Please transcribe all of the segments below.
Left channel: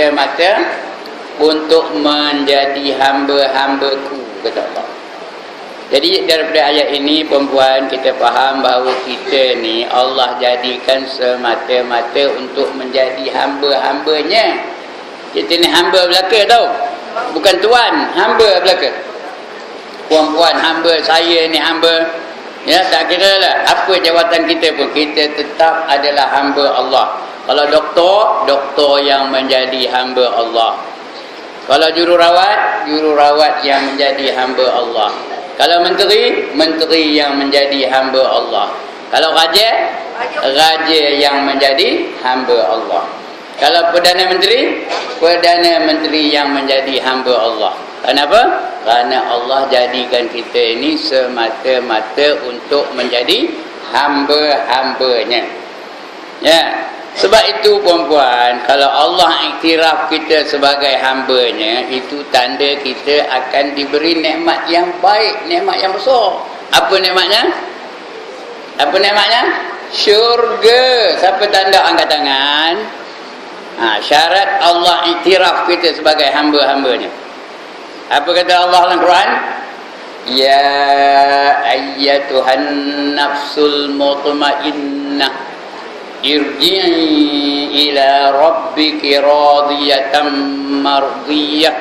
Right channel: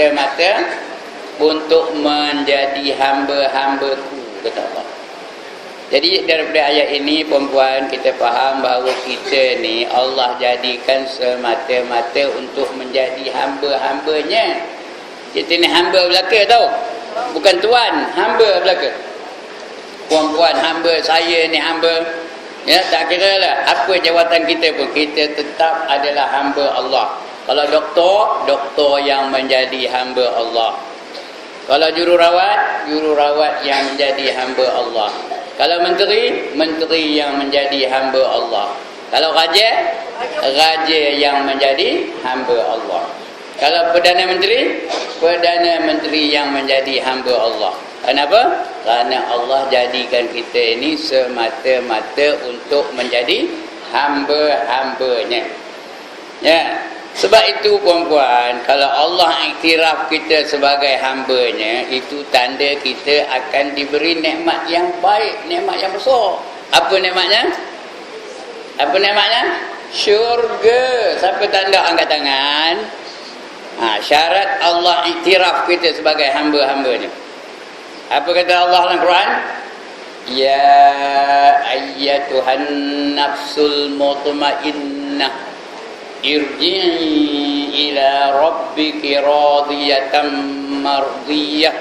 semata-mata untuk menjadi hamba-hambaku, kata Allah. Jadi daripada ayat ini perempuan, kita faham bahawa kita ni Allah jadikan semata-mata untuk menjadi hamba-hambanya. Kita ni hamba belaka tau, bukan tuan, hamba belaka. Perempuan hamba, saya ni hamba. Ya, tak kira lah apa jawatan kita pun, kita tetap adalah hamba Allah. Kalau doktor, doktor yang menjadi hamba Allah. Kalau jururawat yang menjadi hamba Allah. Kalau menteri, menteri yang menjadi hamba Allah. Kalau raja, raja yang menjadi hamba Allah. Kalau Perdana Menteri, Perdana Menteri yang menjadi hamba Allah. Kenapa? Kerana Allah jadikan kita ini semata-mata untuk menjadi hamba-hambanya. Ya. Sebab itu perempuan, kalau Allah iktiraf kita sebagai hambanya, itu tanda kita akan diberi nikmat yang baik, nikmat yang besar. Apa nikmatnya? Apa nikmatnya? Syurga. Siapa tanda angkat tangan? Syarat Allah iktiraf kita sebagai hamba-hambanya. Apa kata Allah dalam Quran? Ya ayyatuhan nafsul mutmainnah, irji'i ila rabbiki radiyatan mardiyah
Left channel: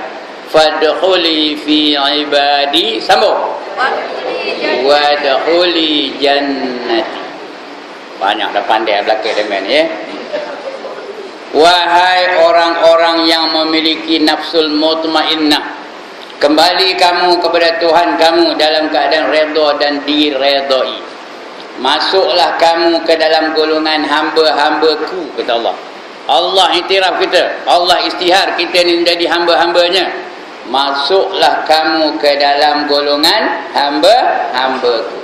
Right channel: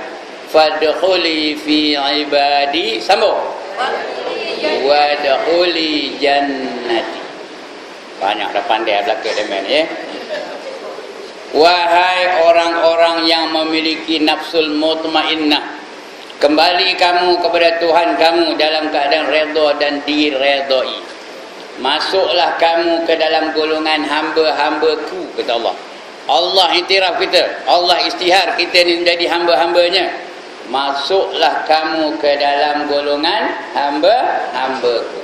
fadkhuli fi ibadi. Sambung. Wadkhuli jannati. Banyak dah pandai belakang demen ya. Wahai orang-orang yang memiliki nafsul mutmainnah, kembali kamu kepada Tuhan kamu dalam keadaan redha dan diredai. Masuklah kamu ke dalam golongan hamba-hambaku, kata Allah. Allah iktiraf kita, Allah istihar kita ni menjadi hamba-hambanya. Masuklah kamu ke dalam golongan hamba-hambaku.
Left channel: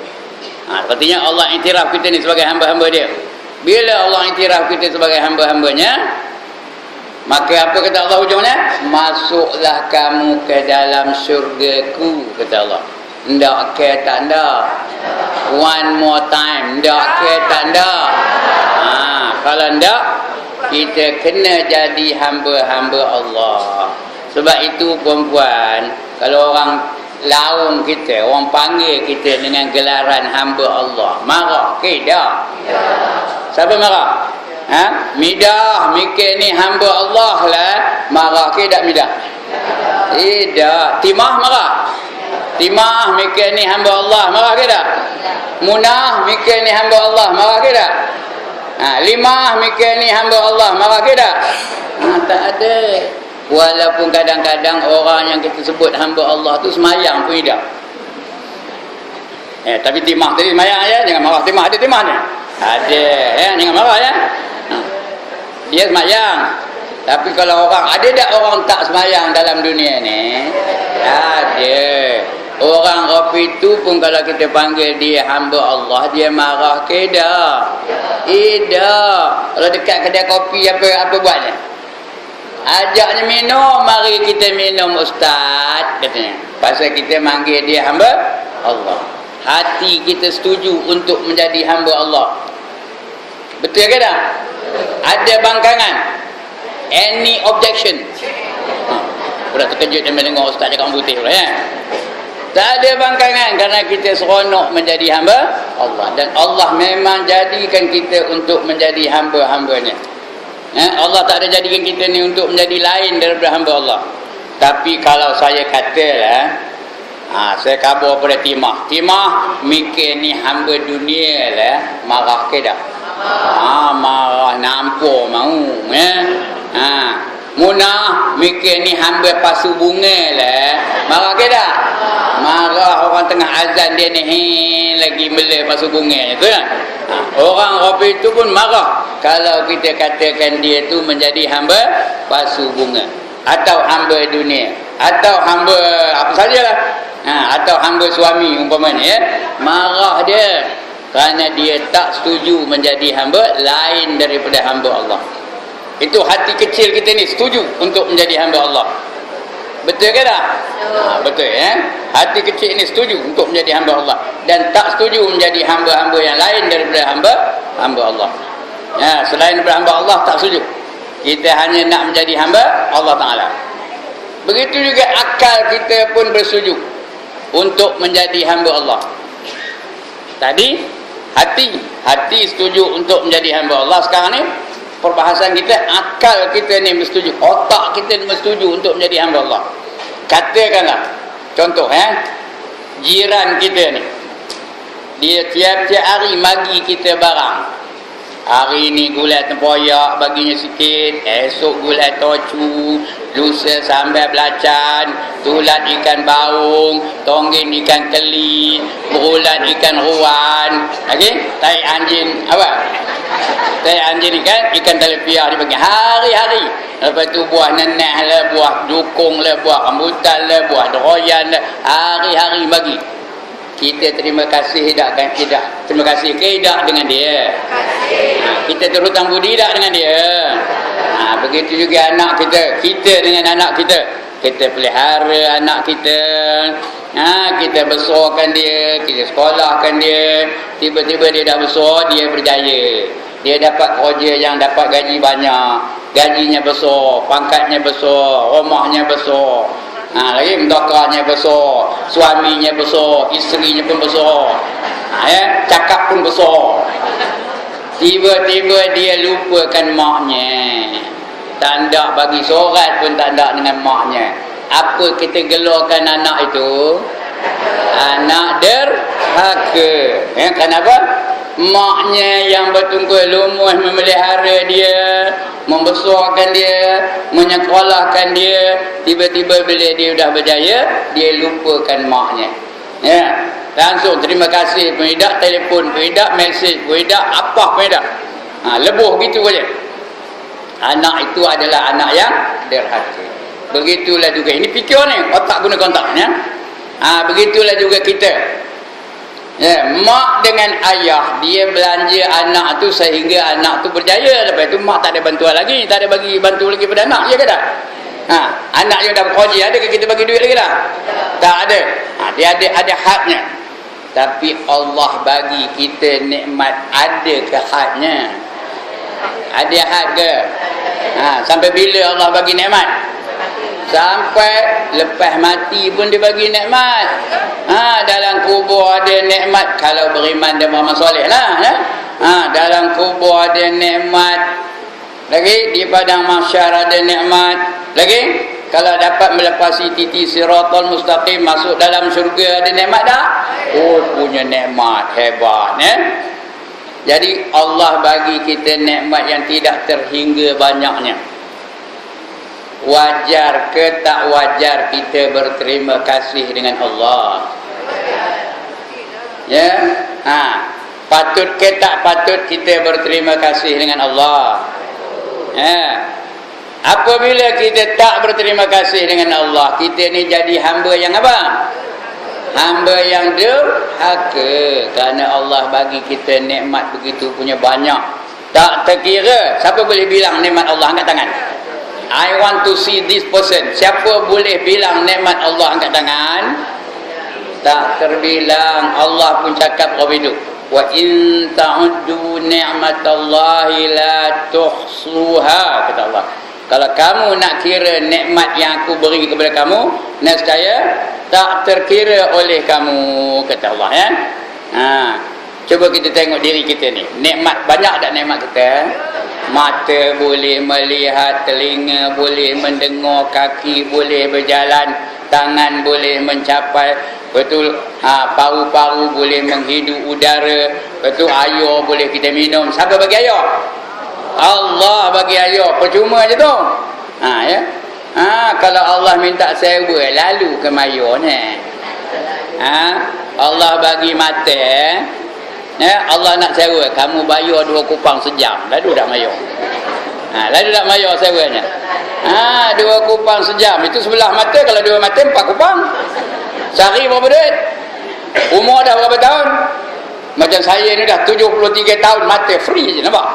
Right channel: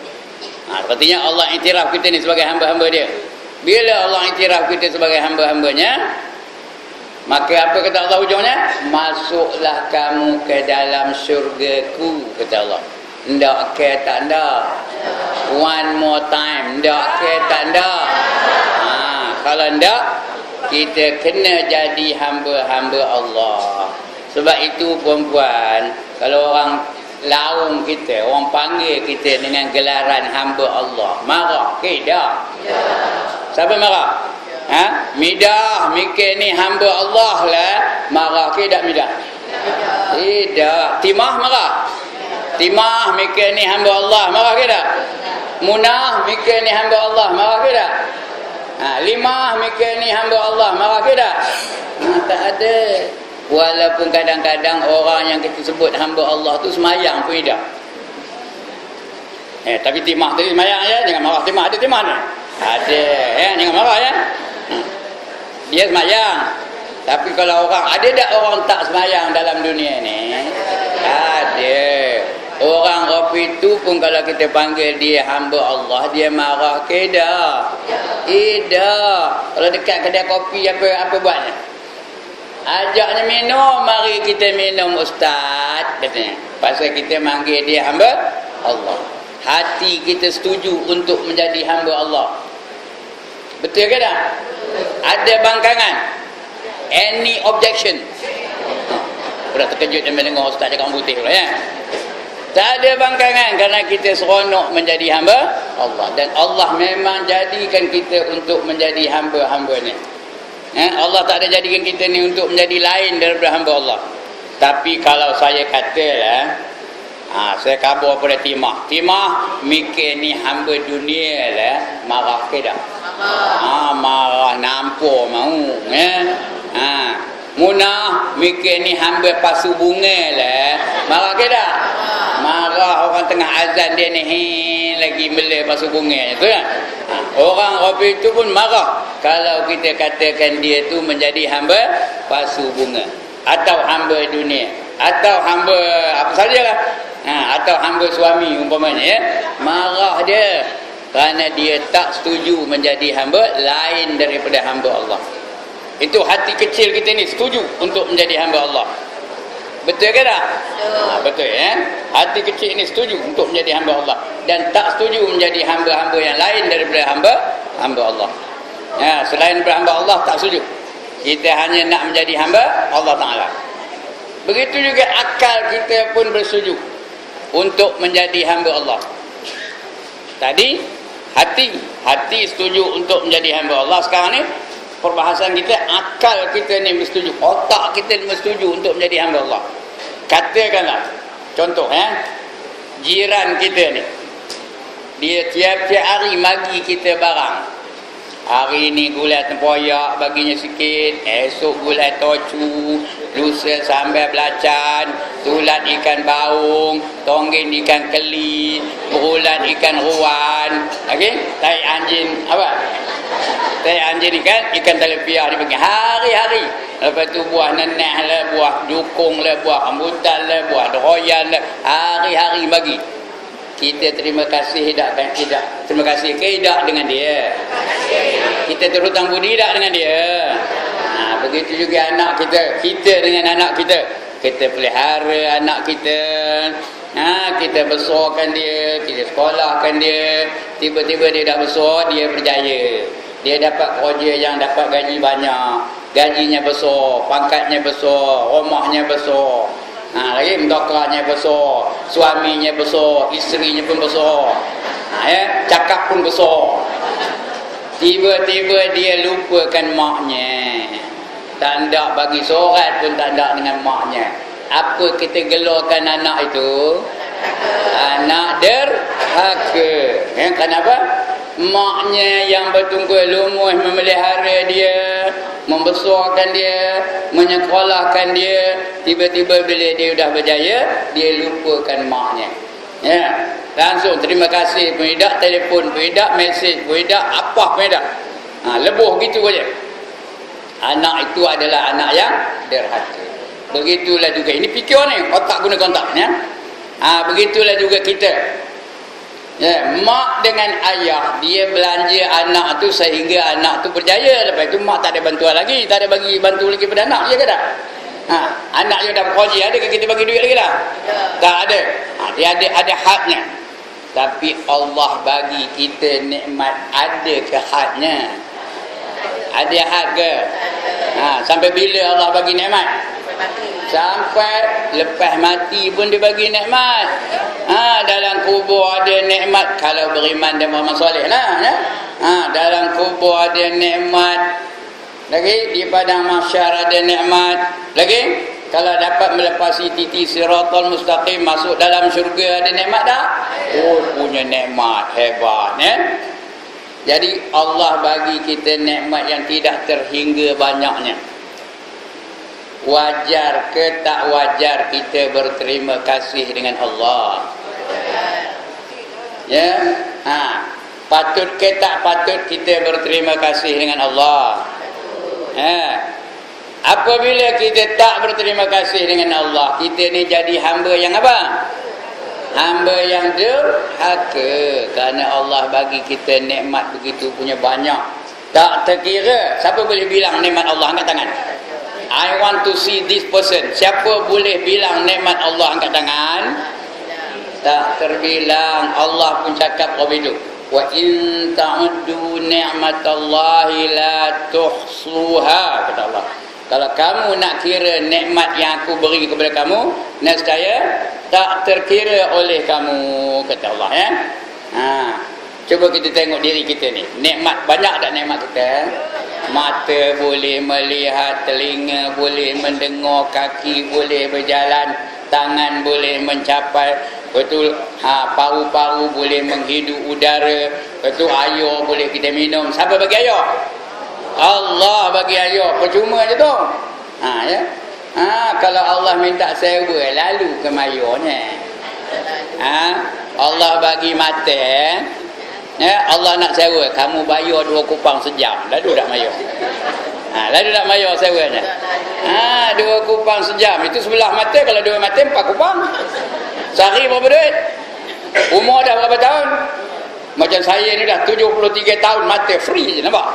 Artinya Allah iktiraf kita ni sebagai hamba-hamba dia. Bila Allah iktiraf kita sebagai hamba-hambanya, maka apa kata Allah hujungnya? Masuklah kamu ke dalam syurgaku, kata Allah. Ndak ke tak ndak? One more time. Ndak ke tak ndak? Kalau ndak, kita kena jadi hamba-hamba Allah. Sebab itu perempuan, kalau orang laung kita, orang panggil kita dengan gelaran hamba Allah, marah ke tak? Siapa marah? Midah, mikir ni hamba Allah lah. Marah ke tak midah? Tidak. Timah marah? Timah mikir ni hamba Allah, marah ke tak? Munah mikir ni hamba Allah, marah ke tak? Limah mikir ni hamba Allah, marah ke tak? Tak ada. Walaupun kadang-kadang orang yang kita sebut hamba Allah tu semayang pun tidak. Tapi timah tadi semayang ya, jangan marah timah. Ada timah ni? Ada ya, jangan marah ya. Dia semayang. Tapi kalau orang, ada tak orang tak semayang dalam dunia ni? Ada. Orang Rafi itu pun kalau kita panggil dia hamba Allah, dia marah ke tak? Tidak. Kalau dekat kedai kopi apa buatnya? Ajaknya minum, mari kita minum ustaz, katanya. Pasal kita panggil dia hamba Allah. Hati kita setuju untuk menjadi hamba Allah. Betul ke tak? Ada bangkangan? Any objection? Sudah terkejut dan mendengar ustaz cakap orang putih pula ya. Tak ada bangkangan kerana kita seronok menjadi hamba Allah. Dan Allah memang jadikan kita untuk menjadi hamba-hambanya. Allah tak ada jadikan kita ni untuk menjadi lain daripada hamba Allah. Tapi kalau saya katalah, saya kabar pada Timah. Timah mikir ni hamba dunia lah, marah ke tak? Marah nampur mau. Munah mikir ni hamba pasu bunga lah, marah ke tak? Marah. Orang tengah azan dia ni lagi melih pasu bunga tu kan. Orang Rafi itu pun marah kalau kita katakan dia tu menjadi hamba pasu bunga, atau hamba dunia, atau hamba apa sajalah, atau hamba suami umpamanya ya. Marah dia kerana dia tak setuju menjadi hamba lain daripada hamba Allah. Itu hati kecil kita ni setuju untuk menjadi hamba Allah. Betul ke tak? Betul ya. Hati kecil ni setuju untuk menjadi hamba Allah dan tak setuju menjadi hamba-hamba yang lain daripada hamba Allah. Ya, selain daripada hamba Allah tak setuju. Kita hanya nak menjadi hamba Allah Ta'ala. Begitu juga akal kita pun bersetuju untuk menjadi hamba Allah. Tadi hati setuju untuk menjadi hamba Allah. Sekarang ni perbahasan kita, akal kita ni bersetuju, otak kita ni bersetuju untuk menjadi hamba Allah. Katakanlah contoh, jiran kita ni, dia tiap-tiap hari bagi kita barang. Hari ni gulai tempoyak baginya sikit, esok gulai tocu, lusa sambal belacan, tulat ikan baung, tonggin ikan keli, berulat ikan ruan, tai anjing apa? Tai anjing ikan telepia dibagi hari-hari. Lepas tu buah nenek lah, buah dukung lah, buah rambutan lah, buah deroyan lah, hari-hari bagi. Kita terima kasih tak? Terima kasih ke tidak dengan dia? Kita terhutang budi tak dengan dia? Begitu juga anak kita dengan anak kita. Kita pelihara anak kita. Kita besarkan dia, kita sekolahkan dia. Tiba-tiba dia dah besar, dia berjaya. Dia dapat kerja yang dapat gaji banyak. Gajinya besar, pangkatnya besar, rumahnya besar. Lagi mendokranya besar, suaminya besar, isterinya pun besar. Cakap pun besar. Tiba-tiba dia lupakan maknya. Tak nak bagi surat pun tak nak dengan maknya. Apa kita gelarkan anak itu? Anak derhaka. Kenapa? Maknya yang bertungkus lumus memelihara dia, membesarkan dia, menyekolahkan dia. Tiba-tiba bila dia dah berjaya, dia lupakan maknya. Langsung terima kasih pun tidak, telefon pun tidak, mesej pun tidak, apa pun tidak. Lebuh gitu saja. Anak itu adalah anak yang derhaka. Begitulah juga, ini fikir ni, otak guna kontak. Begitulah juga kita. Mak dengan ayah, dia belanja anak tu sehingga anak tu berjaya. Lepas tu mak tak ada bantuan lagi, tak ada bagi bantu lagi pada anak, ya ke tak? Anak yang dah berkongsi, ada ke kita bagi duit lagi tak? Tak ada. Dia ada hadnya. Tapi Allah bagi kita nikmat, ada ke hadnya? Ada had ke? Sampai bila Allah bagi nikmat? Sampai lepas mati pun dia bagi nikmat. Dalam kubur ada nikmat kalau beriman dan beramal soleh lah. Dalam kubur ada nikmat. Lagi di padang mahsyar ada nikmat. Lagi kalau dapat melepasi titi siratal mustaqim, masuk dalam syurga ada nikmat tak? Punya nikmat hebat. Jadi Allah bagi kita nikmat yang tidak terhingga banyaknya. Wajar ke tak wajar kita berterima kasih dengan Allah? Patut ke tak patut kita berterima kasih dengan Allah? Apabila kita tak berterima kasih dengan Allah, kita ni jadi hamba yang apa? Hamba yang derhaka. Kerana Allah bagi kita nikmat begitu punya banyak, tak terkira. Siapa boleh bilang nikmat Allah? Angkat tangan. I want to see this person. Siapa boleh bilang nikmat Allah? Angkat tangan. Tak terbilang. Allah pun cakap begitu. Wa in ta'uddu ni'matallahi la tuhsuha, kata Allah. Kalau kamu nak kira nikmat yang aku beri kepada kamu, nescaya tak terkira oleh kamu, kata Allah. Cuba kita tengok diri kita ni. Nikmat banyak tak nikmat kita? Mata boleh melihat, telinga boleh mendengar, kaki boleh berjalan, tangan boleh mencapai, betul, paru-paru boleh menghidup udara, betul, air boleh kita minum. Siapa bagi air? Allah bagi air. Percuma je tu. Kalau Allah minta sewa, lalu ke mayor ni. Allah bagi mata, Allah nak sewa, kamu bayar 2 kupang sejam, lalu tak mayar. Lalu tak mayar sewanya. 2 kupang sejam, itu sebelah mata. Kalau 2 mata 4 kupang. Sehari berapa duit? Umur dah berapa tahun? Macam saya ni dah 73 tahun, mata free je, nampak?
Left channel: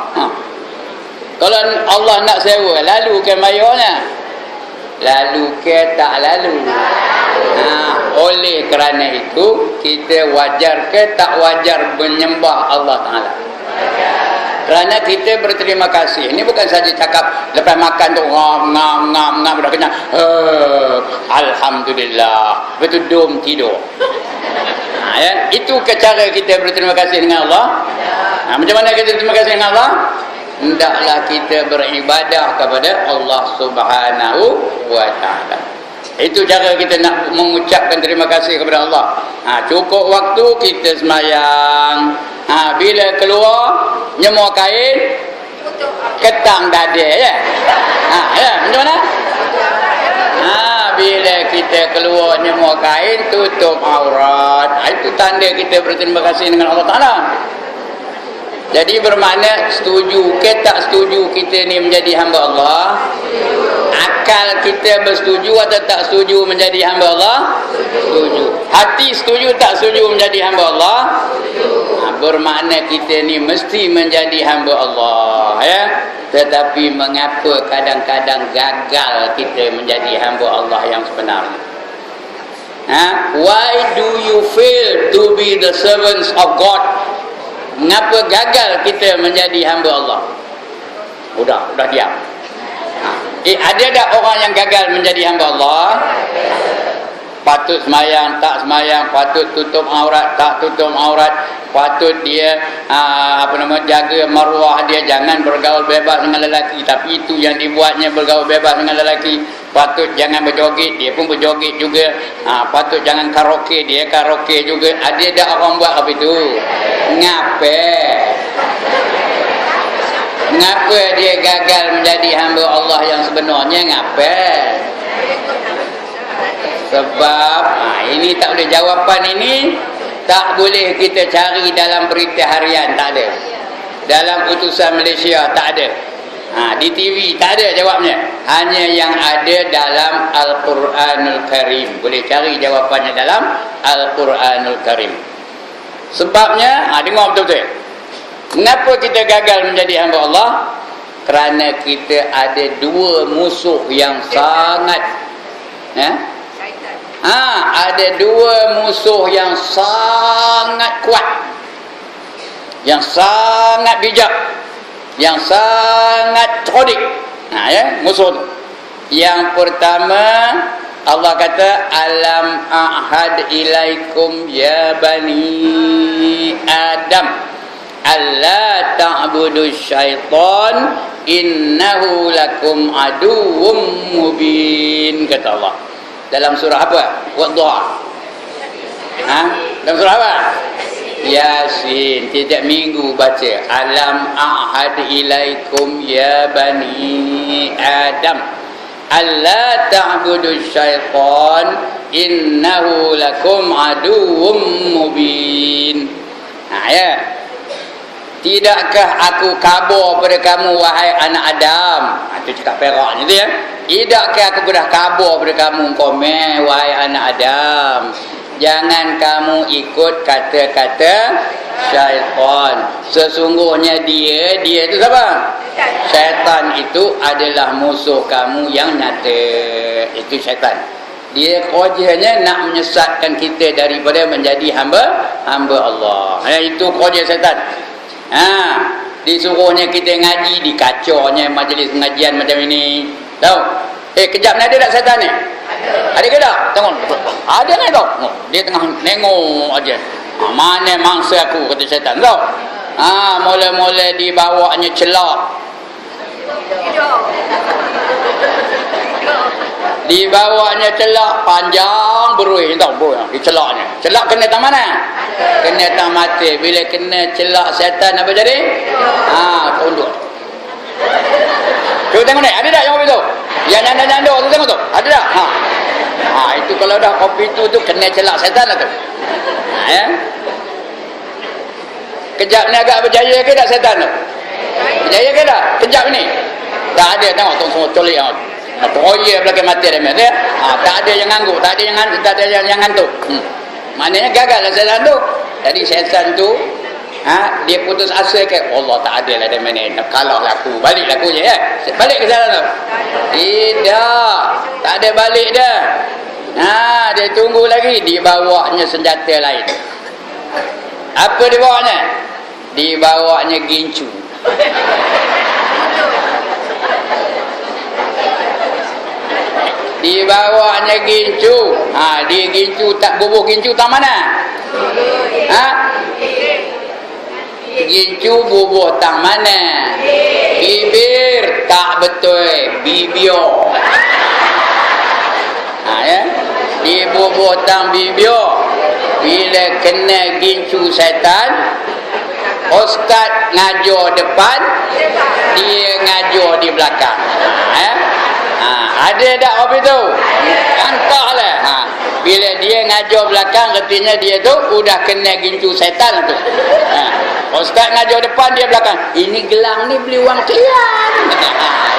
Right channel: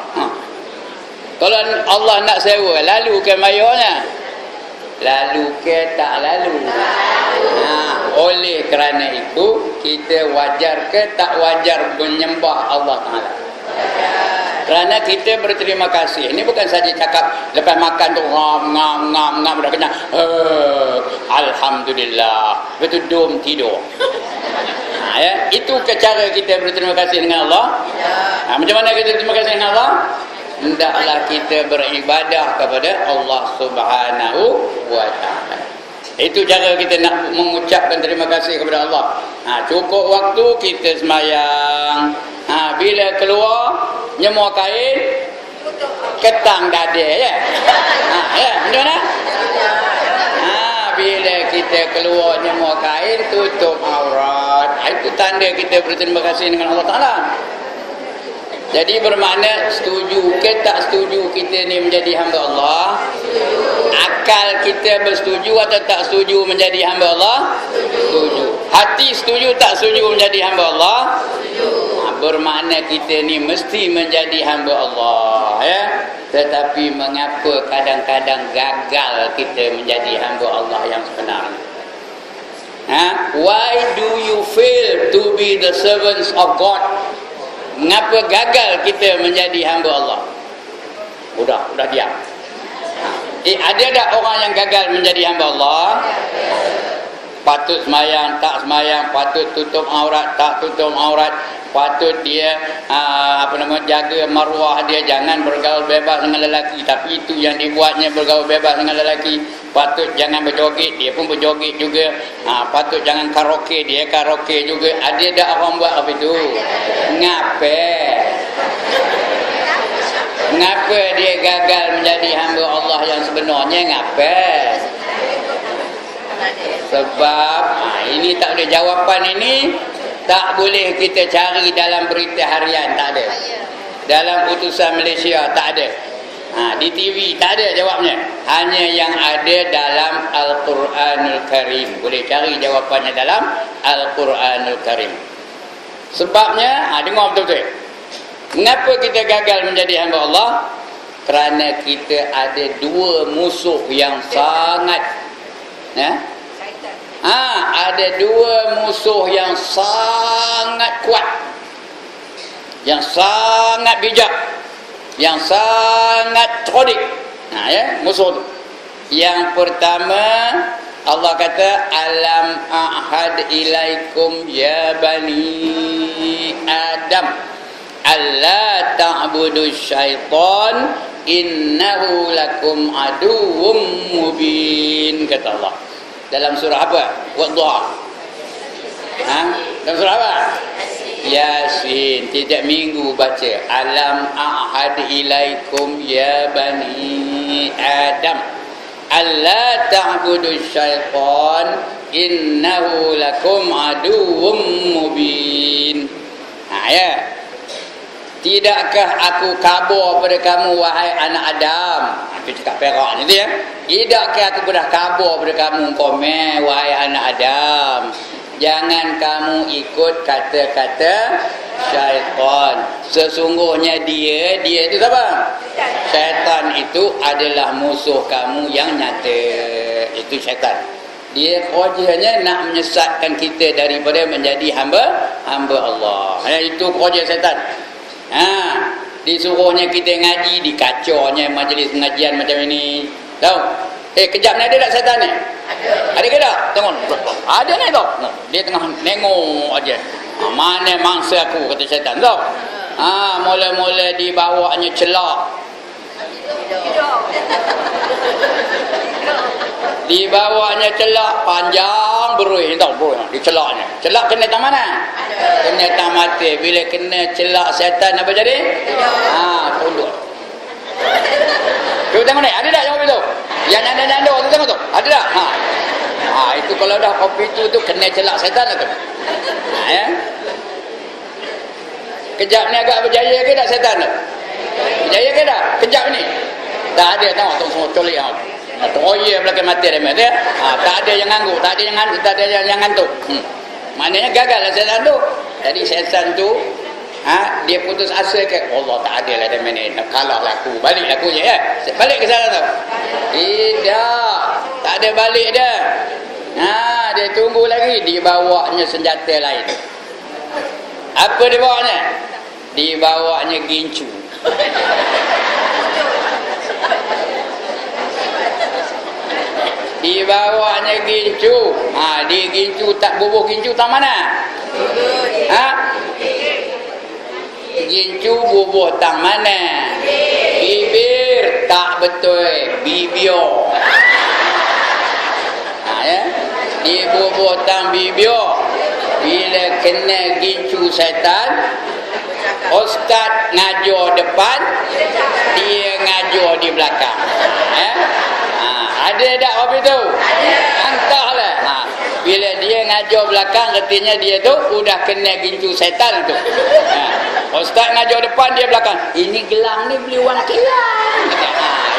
Kalau Allah nak sewa, lalu ke mayarnya? Lalu ke tak lalu? Oleh kerana itu, kita wajar ke tak wajar menyembah Allah Ta'ala? Kerana kita berterima kasih. Ini bukan saja cakap lepas makan tu ngam dah kenyang. Alhamdulillah. Betul dom tidur. Ya, itu cara kita berterima kasih dengan Allah. Macam mana kita berterima kasih dengan Allah? Hendaklah kita beribadah kepada Allah Subhanahu wa taala. Itu cara kita nak mengucapkan terima kasih kepada Allah. Cukup waktu kita semayang. Bila keluar nyemua kain ketang dada ya. Ya, macam mana? Bila kita keluar nyemua kain tutup aurat. Itu tanda kita berterima kasih dengan Allah Taala. Jadi bermakna setuju ke tak setuju kita ni menjadi hamba Allah? Akal kita bersetuju atau tak setuju menjadi hamba Allah? Setuju. Hati setuju tak setuju menjadi hamba Allah? Bermakna kita ni mesti menjadi hamba Allah ya. Tetapi mengapa kadang-kadang gagal kita menjadi hamba Allah yang sebenarnya? Why do you fail to be the servants of God? Mengapa gagal kita menjadi hamba Allah? Udah diam. Ada tak orang yang gagal menjadi hamba Allah? Patut semayang, tak semayang, patut tutup aurat, tak tutup aurat, patut dia jaga maruah dia, jangan bergaul bebas dengan lelaki, tapi itu yang dibuatnya bergaul bebas dengan lelaki. Patut jangan berjoget, dia pun berjoget juga. Patut jangan karaoke, dia karaoke juga. Ada tak orang buat apa itu? Mengapa dia gagal menjadi hamba Allah yang sebenarnya? Ngapa? Sebab ini tak boleh, jawapan ini tak boleh kita cari dalam berita harian, tak ada. Dalam putusan Malaysia tak ada. Di TV tak ada jawabnya. Hanya yang ada dalam Al-Quranul Karim. Boleh cari jawapannya dalam Al-Quranul Karim. Sebabnya, dengar betul-betul. Mengapa kita gagal menjadi hamba Allah? Kerana kita ada dua musuh yang sangat ada dua musuh yang sangat kuat, yang sangat bijak, yang sangat cerdik. Musuh tu. Yang pertama, Allah kata, alam ahad ilaikum ya bani Adam alla ta'budu syaitan innahu lakum aduwwum mubin, kata Allah. Dalam surah apa? Wadduha. Dalam surah apa? Yasin. Tiap minggu baca alam ahad ilaikum ya bani Adam alla ta'budu syaitan innahu lakum aduwwum mubin. Tidakkah aku kabar pada kamu wahai anak Adam? Itu cakap peraknya tu ya. Tidakkah aku dah kabar pada kamu wahai anak Adam, jangan kamu ikut kata-kata syaitan. Sesungguhnya dia itu siapa? Syaitan itu adalah musuh kamu yang nyata. Itu syaitan. Dia kerjanya nak menyesatkan kita daripada menjadi hamba Allah. Itu kerja syaitan. Disuruhnya kita ngaji, dikacaunya majlis pengajian macam ini. Tahu? Kejap ni ada tak syaitan ni? Ada ke tak? Tengok. Ada ni tau. Dia tengah nengok aja. Mana mangsa aku, kata syaitan. Tahu? Mula-mula dibawanya celak. Dibawanya celak panjang beruih, tahu beruih dicelaknya. Celak kena tang mana? Kena tang mata. Bila kena celak syaitan apa jadi? Tunduk. Cuba tengok ni, ada tak yang kopi tu? Yang nyanda-nyanda tu tengok tu. Ada tak? Itu kalau dah kopi tu kena celak syaitan lah tu. Kejap ni agak berjaya ke tak syaitan tu? Berjaya ke tak? Kejap ni. Tak ada, tengok tu semua colik yang tu. Teroya belakang mati dia. Tak ada yang ngangguk, tak ada yang ngantuk. Maknanya gagal lah syaitan tu. Jadi syaitan tu dia putus asa ke Allah, tak ada lah dia ni, nak kalah laku, balik laku je ya. Balik ke sana tu? Tidak, tak ada balik dah. Dia tunggu lagi, dibawanya senjata lain. Apa dibawanya? Dibawanya gincu. Dibawanya gincu. Di gincu tak bubuh gincu tak mana? Gincu bubuh tang mana? Bibir tak betul, bibio. Ya. Di bubuh tang bibio. Bila kena gincu setan, ustaz ngajar depan, dia ngajar di belakang. Ada tak apa tu? Entahlah. Bila dia ngajar belakang, artinya dia tu udah kena gincu setan tu. Ustaz ngajar depan, dia belakang. Ini gelang ni beli wang kian.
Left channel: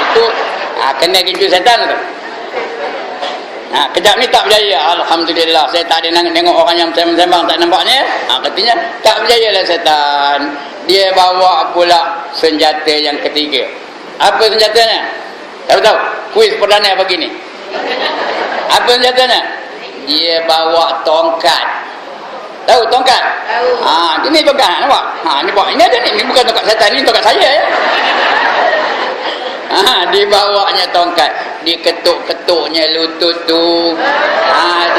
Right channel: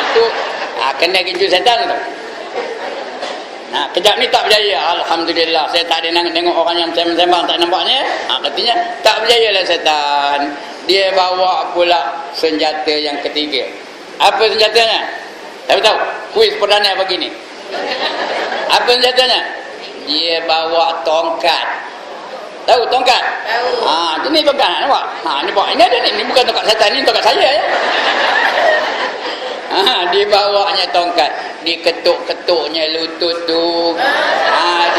Itu kena gincu setan tu. Kejap ni tak berjaya. Alhamdulillah, saya tak ada tengok orang yang sembang-sembang tak nampaknya. Katanya tak berjaya lah setan. Dia bawa pula senjata yang ketiga. Apa senjatanya? Tak tahu. Kuis perdana pagi ni. Apa senjatanya? Dia bawa tongkat. Tahu tongkat? Tahu. Ini tongkat nampak? Ni pak. Ini ada ni. Ini bukan tongkat setan, ni tongkat saya ya. Dibawanya tongkat, diketuk-ketuknya lutut tu,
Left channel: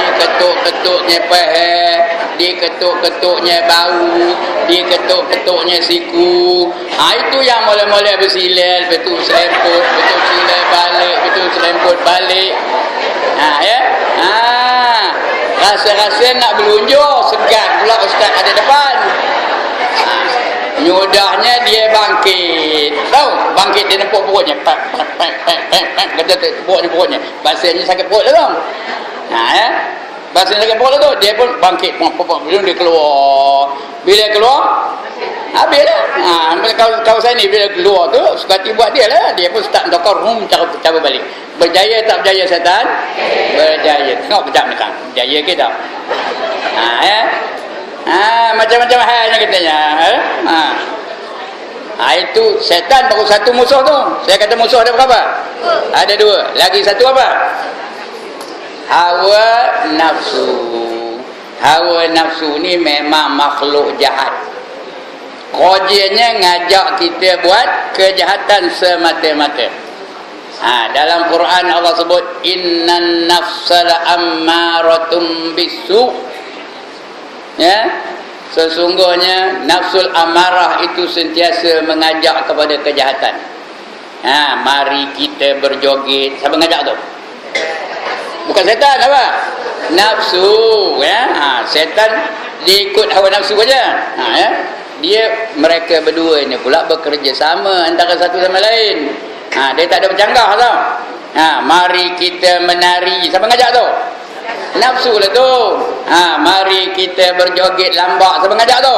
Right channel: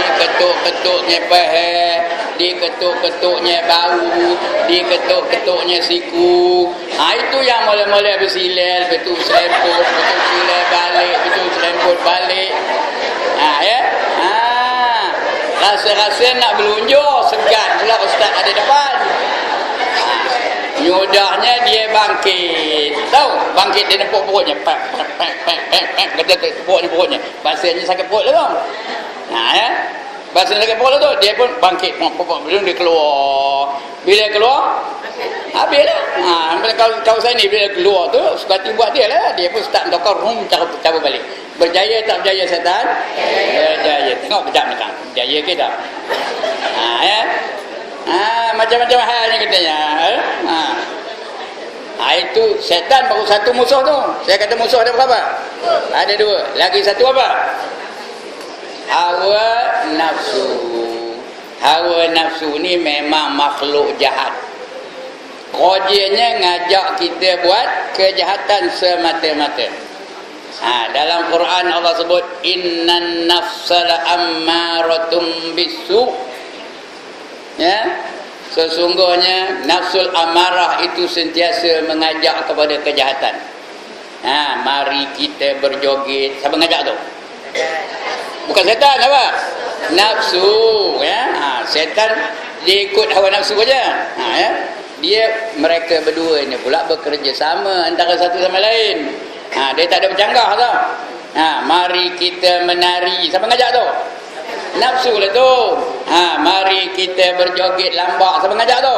diketuk-ketuknya peher, diketuk-ketuknya bau, diketuk-ketuknya siku. Itu yang mula-mula bersilal, betul seremput, betul silal balik, betul seremput balik. Ya. Rasa-rasa nak berlunjur, segan pula ustaz ada depan. Nyudahnya dia bangkit. Tahu? Bangkit dia nepuk perutnya. Pak. Kata tepuknya perutnya. Bahasanya sakit perut lah tu. Ya. Bahasanya sakit perut lah tu. Dia pun bangkit. Belum dia keluar. Bila keluar, habislah. Kalau saya ni bila keluar tu, sepati buat dia lah. Dia pun start tokar cara balik. Berjaya tak berjaya setan? Berjaya. Tengok kejap ni kan. Berjaya ke tak? Ya. Macam-macam halnya katanya. Itu setan baru satu musuh tu. Saya kata musuh ada berapa? Ada dua. Lagi satu apa? Hawa nafsu. Hawa nafsu ni memang makhluk jahat. Kerjanya ngajak kita buat kejahatan semata-mata. Dalam Quran Allah sebut innan nafsala ammaratum bisu. Ya, sesungguhnya nafsul amarah itu sentiasa mengajak kepada kejahatan. Mari kita berjoget. Siapa ngajak tu? Bukan setan apa? Nafsu. Ya, setan dia ikut hawa nafsu saja. Ya, mereka berdua ni pula bekerja sama antara satu sama lain. Dia tak ada bercanggah tau. Mari kita menari. Siapa ngajak tu? Nafsu lah tu. Mari kita berjoget lambak. Siapa ngajak tu?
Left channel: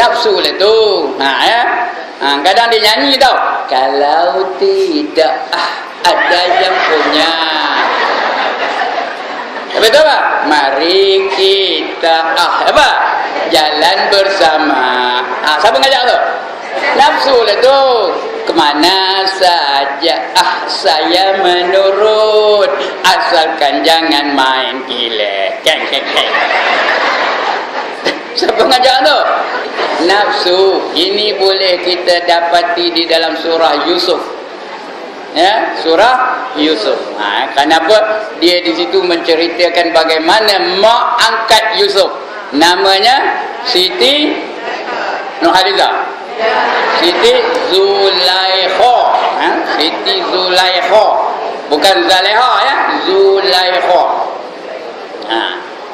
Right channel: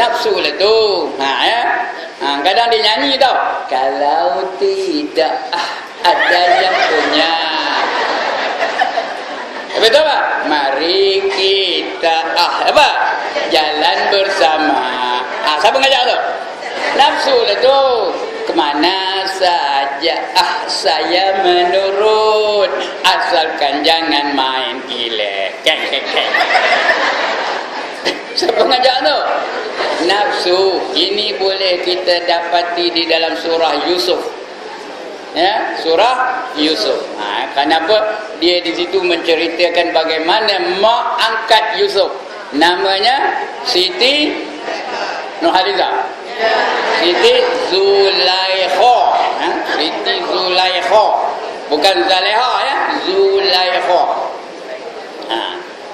Nafsu lah tu. Ya. Kadang dia nyanyi tau. Kalau tidak ada yang punya. Betul tak? Mari kita apa? Jalan bersama. Siapa ngajak tu? Nafsu lah tu. Kemana saja saya menurut, asalkan jangan main gila. Keng. Siapa ngajak tu? Nafsu. Ini boleh kita dapati di dalam surah Yusuf. Ya, surah Yusuf. Kenapa? Dia di situ menceritakan bagaimana mak angkat Yusuf. Namanya Siti Nurhaliza. Siti Zulaikha. Siti Zulaikha. Bukan Zaleha ya, Zulaikha.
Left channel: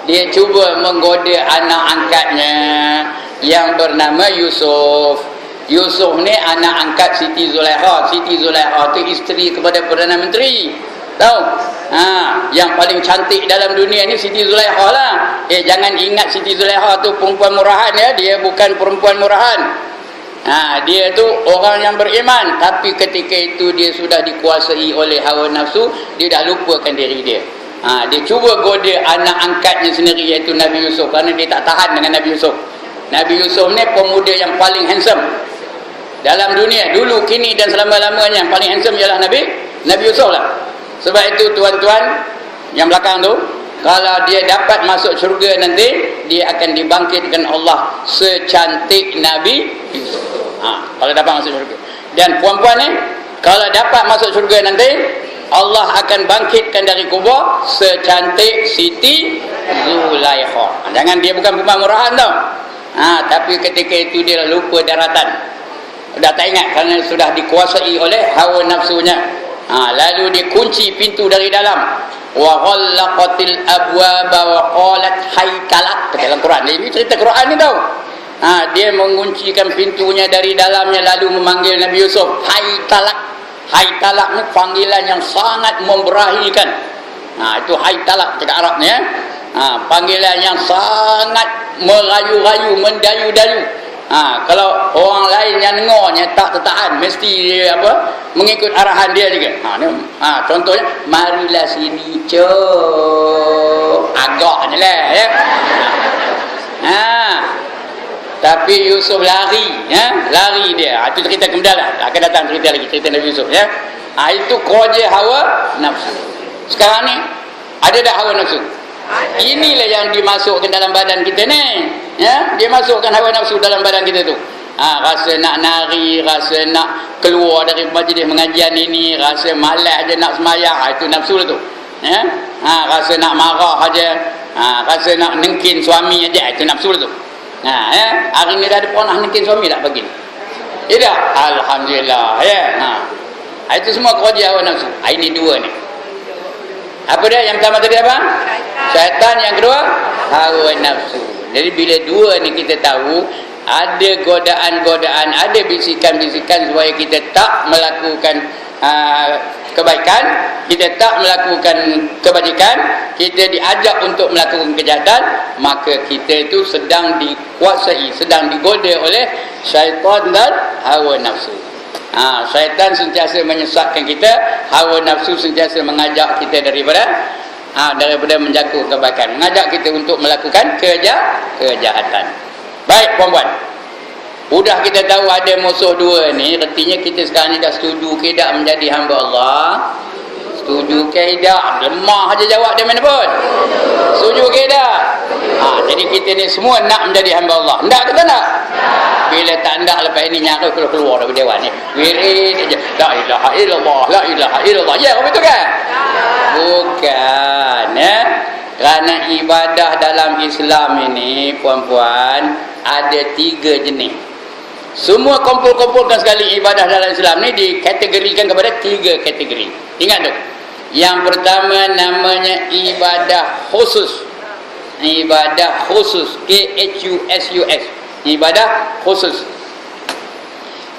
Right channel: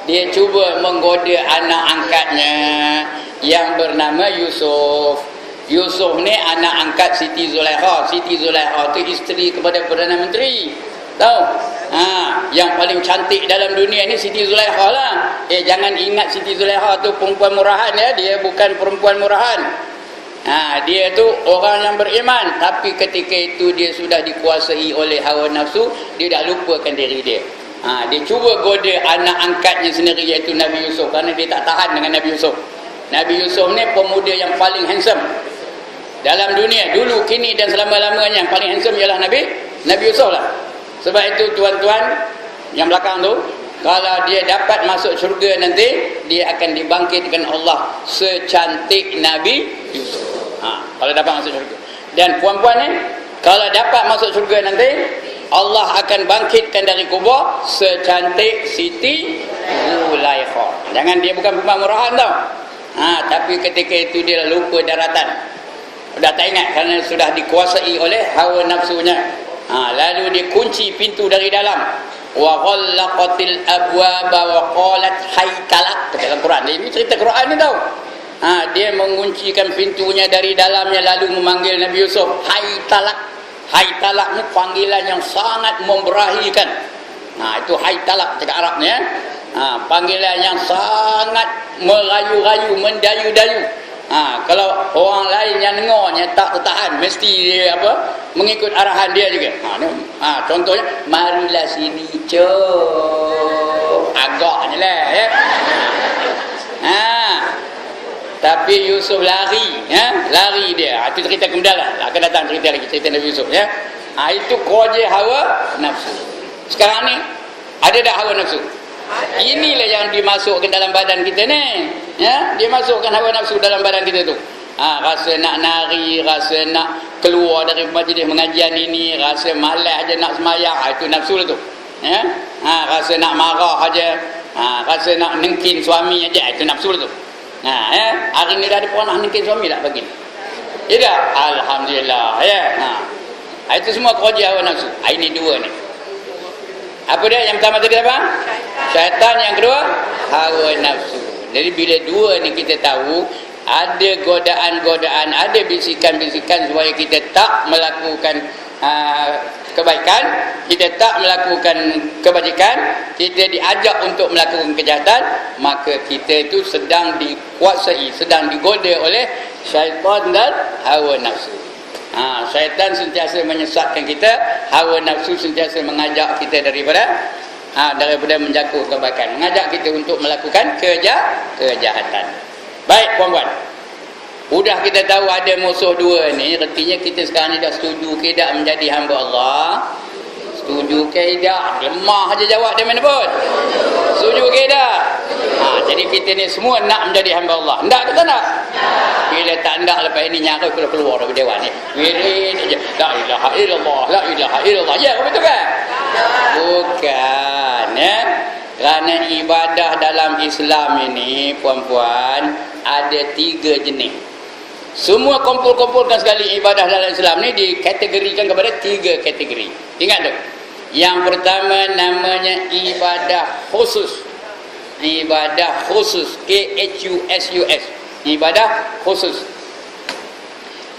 Dia cuba menggoda anak angkatnya yang bernama Yusuf. Yusuf ni anak angkat Siti Zulaikha. Siti Zulaikha tu isteri kepada Perdana Menteri. Tahu? Yang paling cantik dalam dunia ni Siti Zulaikha lah. Jangan ingat Siti Zulaikha tu perempuan murahan ya. Dia bukan perempuan murahan. Dia tu orang yang beriman, tapi ketika itu dia sudah dikuasai oleh hawa nafsu, dia dah lupakan diri dia. Dia cuba goda anak angkatnya sendiri, iaitu Nabi Yusuf, kerana dia tak tahan dengan Nabi Yusuf. Nabi Yusuf ni pemuda yang paling handsome dalam dunia, dulu, kini dan selama-lamanya. Yang paling handsome ialah Nabi Yusuf lah. Sebab itu tuan-tuan yang belakang tu, kalau dia dapat masuk syurga nanti, dia akan dibangkitkan Allah secantik Nabi Yusuf. Kalau dapat masuk syurga. Dan puan-puan ni, kalau dapat masuk syurga nanti, Allah akan bangkitkan dari kubur secantik Siti Zulaikha. Jangan dia bukan perempuan murahan tau. Tapi ketika itu dia lupa daratan. Dah tak ingat kerana sudah dikuasai oleh hawa nafsunya. Lalu dia kunci pintu dari dalam. Wa ghallaqatil abwaba wa qalat haytalak. Dalam Quran. Ini cerita Quran ni tau. Dia menguncikan pintunya dari dalamnya lalu memanggil Nabi Yusuf. Haytalak. Haytalak ni panggilan yang sangat memberahikan. Itu haytalak cakap Arab ni ya. Panggilan yang sangat merayu-rayu, mendayu-dayu. Kalau orang lain yang dengarnya tak tertahan, mesti dia mengikut arahan dia juga. Contohnya, marilah sini cok, agaknya lah ya. Tapi Yusuf lari, ya, lari dia. Itu cerita kemudian lah. Akan datang cerita lagi, cerita Nabi Yusuf ya. Itu koja hawa nafsu. Sekarang ni ada tak hawa nafsu? Inilah yang dimasukkan dalam badan kita ni, ya, dia masukkan hawa nafsu dalam badan kita tu. Rasa nak nari, rasa nak keluar dari majlis mengajian ini, rasa malas aja nak semayang, itu nafsu lah tu, ya. Rasa nak marah aja, rasa nak nengkin suami aja, itu nafsu lah tu. Ya, hari ni dah ada pernah nengkin suami tak pagi? Tidak, alhamdulillah, ya. Itu semua kerja hawa nafsu. Ini dua ni. Apa dia? Yang pertama tadi apa? Syaitan. Yang kedua hawa nafsu. Jadi bila dua ni kita tahu, ada godaan-godaan, ada bisikan-bisikan supaya kita tak melakukan kebaikan, kita tak melakukan kebajikan, kita diajak untuk melakukan kejahatan, maka kita itu sedang dikuasai, sedang digoda oleh syaitan dan hawa nafsu. Syaitan sentiasa menyesatkan kita, hawa nafsu sentiasa mengajak kita daripada menjaga kebaikan, mengajak kita untuk melakukan kejahatan. Baik puan-puan, sudah kita tahu ada musuh dua ni, artinya kita sekarang ni dah setuju ke tak menjadi hamba Allah? Setuju ke tak? Lemah aja jawab dia mana pun. Setuju ke tak? Jadi kita ni semua nak menjadi hamba Allah. Nak ke tak nak? Bila tak nak, lepas ini nyara keluar dari dewan ni. Wirid aja. La ilaha illallah, la ilaha illallah. Ya, betul kan? Bukan, ya. Kerana ibadah dalam Islam ini, puan-puan, ada 3 jenis. Semua kumpul-kumpulkan sekali ibadah dalam Islam ni dikategorikan kepada 3 kategori. Ingat tu. Yang pertama namanya ibadah khusus. Ibadah khusus, KHUSUS. Ibadah khusus.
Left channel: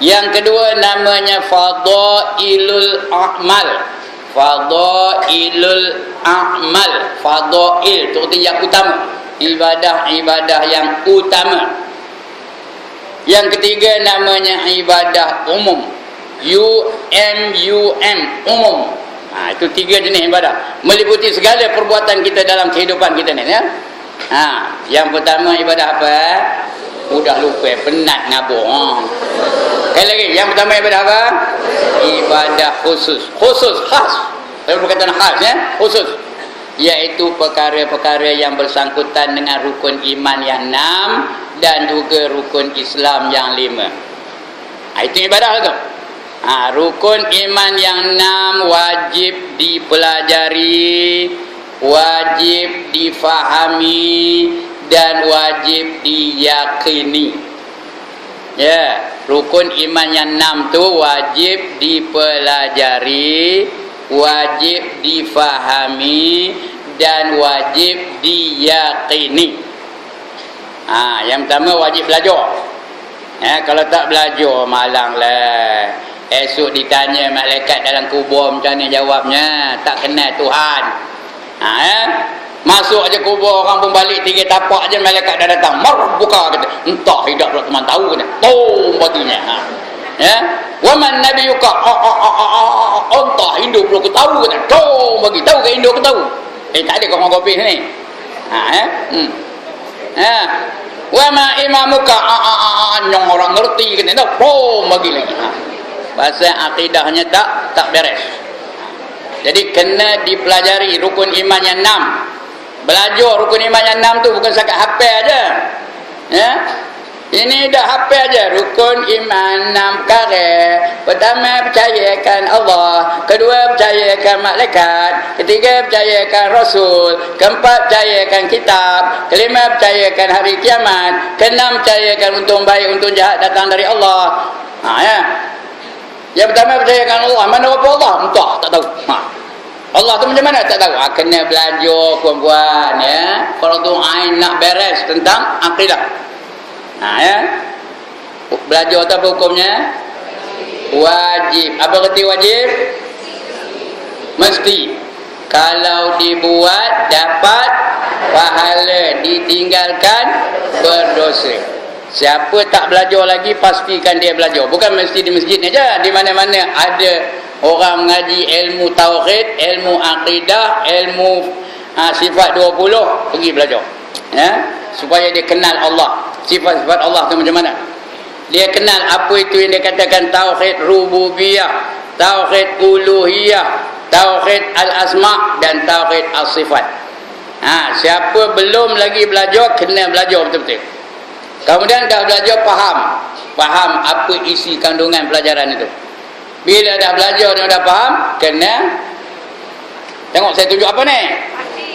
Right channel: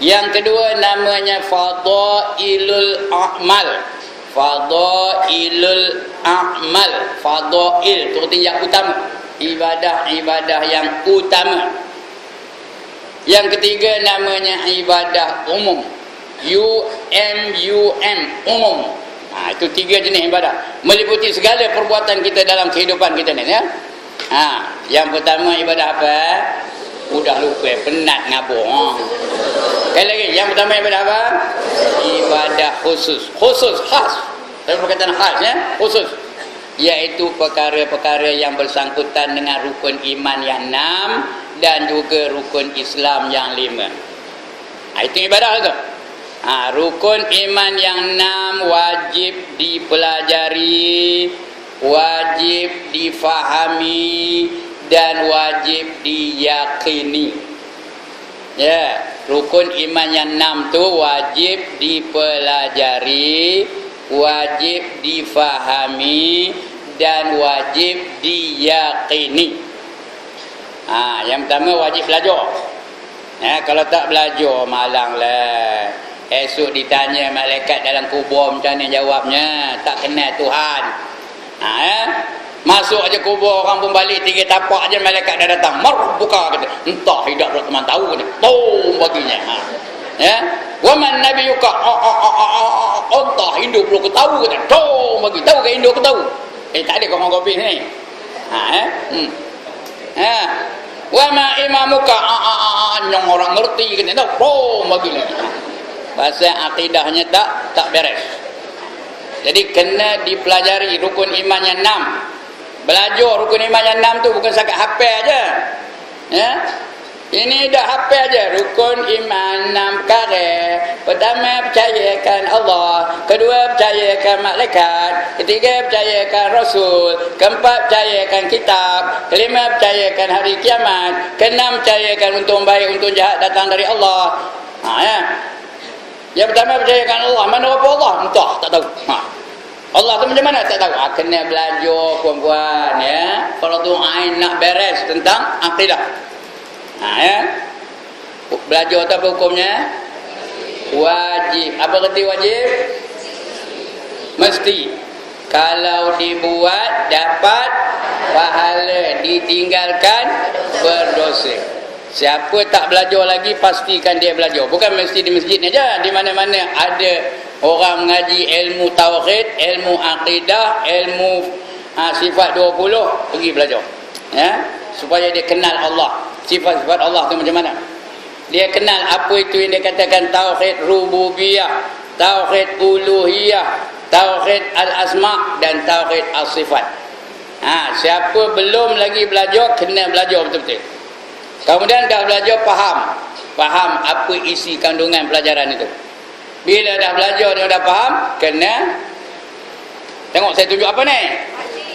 Yang kedua namanya fadailul a'mal. Fadailul a'mal. Fadail itu artinya yang utama. Ibadah-ibadah yang utama. Yang ketiga namanya ibadah umum. UMUM, umum. Itu 3 jenis ibadah, meliputi segala perbuatan kita dalam kehidupan kita ni, ya. Yang pertama ibadah apa? Udah lupa, penat ngabur. Sekali lagi, yang pertama ibadah apa? Ibadah khusus. Khusus, khas. Saya berkata khas, ya, khusus. Iaitu perkara-perkara yang bersangkutan dengan rukun iman yang 6 dan juga rukun Islam yang 5. Itu ibadah tu. Rukun iman yang 6 wajib dipelajari, wajib difahami, dan wajib diyakini. Ya, rukun iman yang 6 tu wajib dipelajari, wajib difahami, dan wajib diyakini. Yang pertama wajib belajar. Kalau tak belajar, malanglah. Esok ditanya malaikat dalam kubur macam ni jawabnya, tak kenal Tuhan. Masuk aja kubur, orang pun balik 3 tapak aja, malaikat dah datang. Mar buka kata. Entah hidup pula teman tahu kata. Tom baginya. Wa man nabiyuka? Entah hidup pula aku tahu kata. Tom bagi. Tahu ke hidup aku tahu? Tak ada orang kopi ni. Wa ma imamuka? Nyong orang ngerti kata. Tom bagi lagi. Bahasa akidahnya tak beres. Jadi kena dipelajari rukun iman yang 6. Belajar rukun iman yang 6 tu bukan setakat hafal aja. Ya. Ini dah hafal aja. Rukun iman 6 perkara. Pertama, percayakan Allah. Kedua, percayakan malaikat. Ketiga, percayakan Rasul. Keempat, percayakan kitab. Kelima, percayakan hari kiamat. Keenam, percayakan untung baik, untung jahat datang dari Allah. Ya. Yang pertama, percayakan Allah. Mana apa Allah? Entah, tak tahu. Allah tu macam mana? Tak tahu. Kena belajar puan-puan, ya. Kalau tu ain nak beres tentang akidah. Ya. Belajar tu apa hukumnya? Wajib. Apa kata wajib? Mesti. Kalau dibuat dapat pahala, ditinggalkan berdosa. Siapa tak belajar lagi, pastikan dia belajar. Bukan mesti di masjid ni aja, di mana-mana ada orang mengaji ilmu tauhid, ilmu akidah, ilmu sifat 20, pergi belajar. Ya, supaya dia kenal Allah. Sifat-sifat Allah tu macam mana? Dia kenal apa itu yang dia katakan tauhid rububiyah, tauhid uluhiyah, tauhid al-asma' dan tauhid as-sifat. Siapa belum lagi belajar, kena belajar betul-betul. Kemudian dah belajar, faham apa isi kandungan pelajaran itu. Bila dah belajar dan dah faham, kena tengok saya tunjuk apa ni?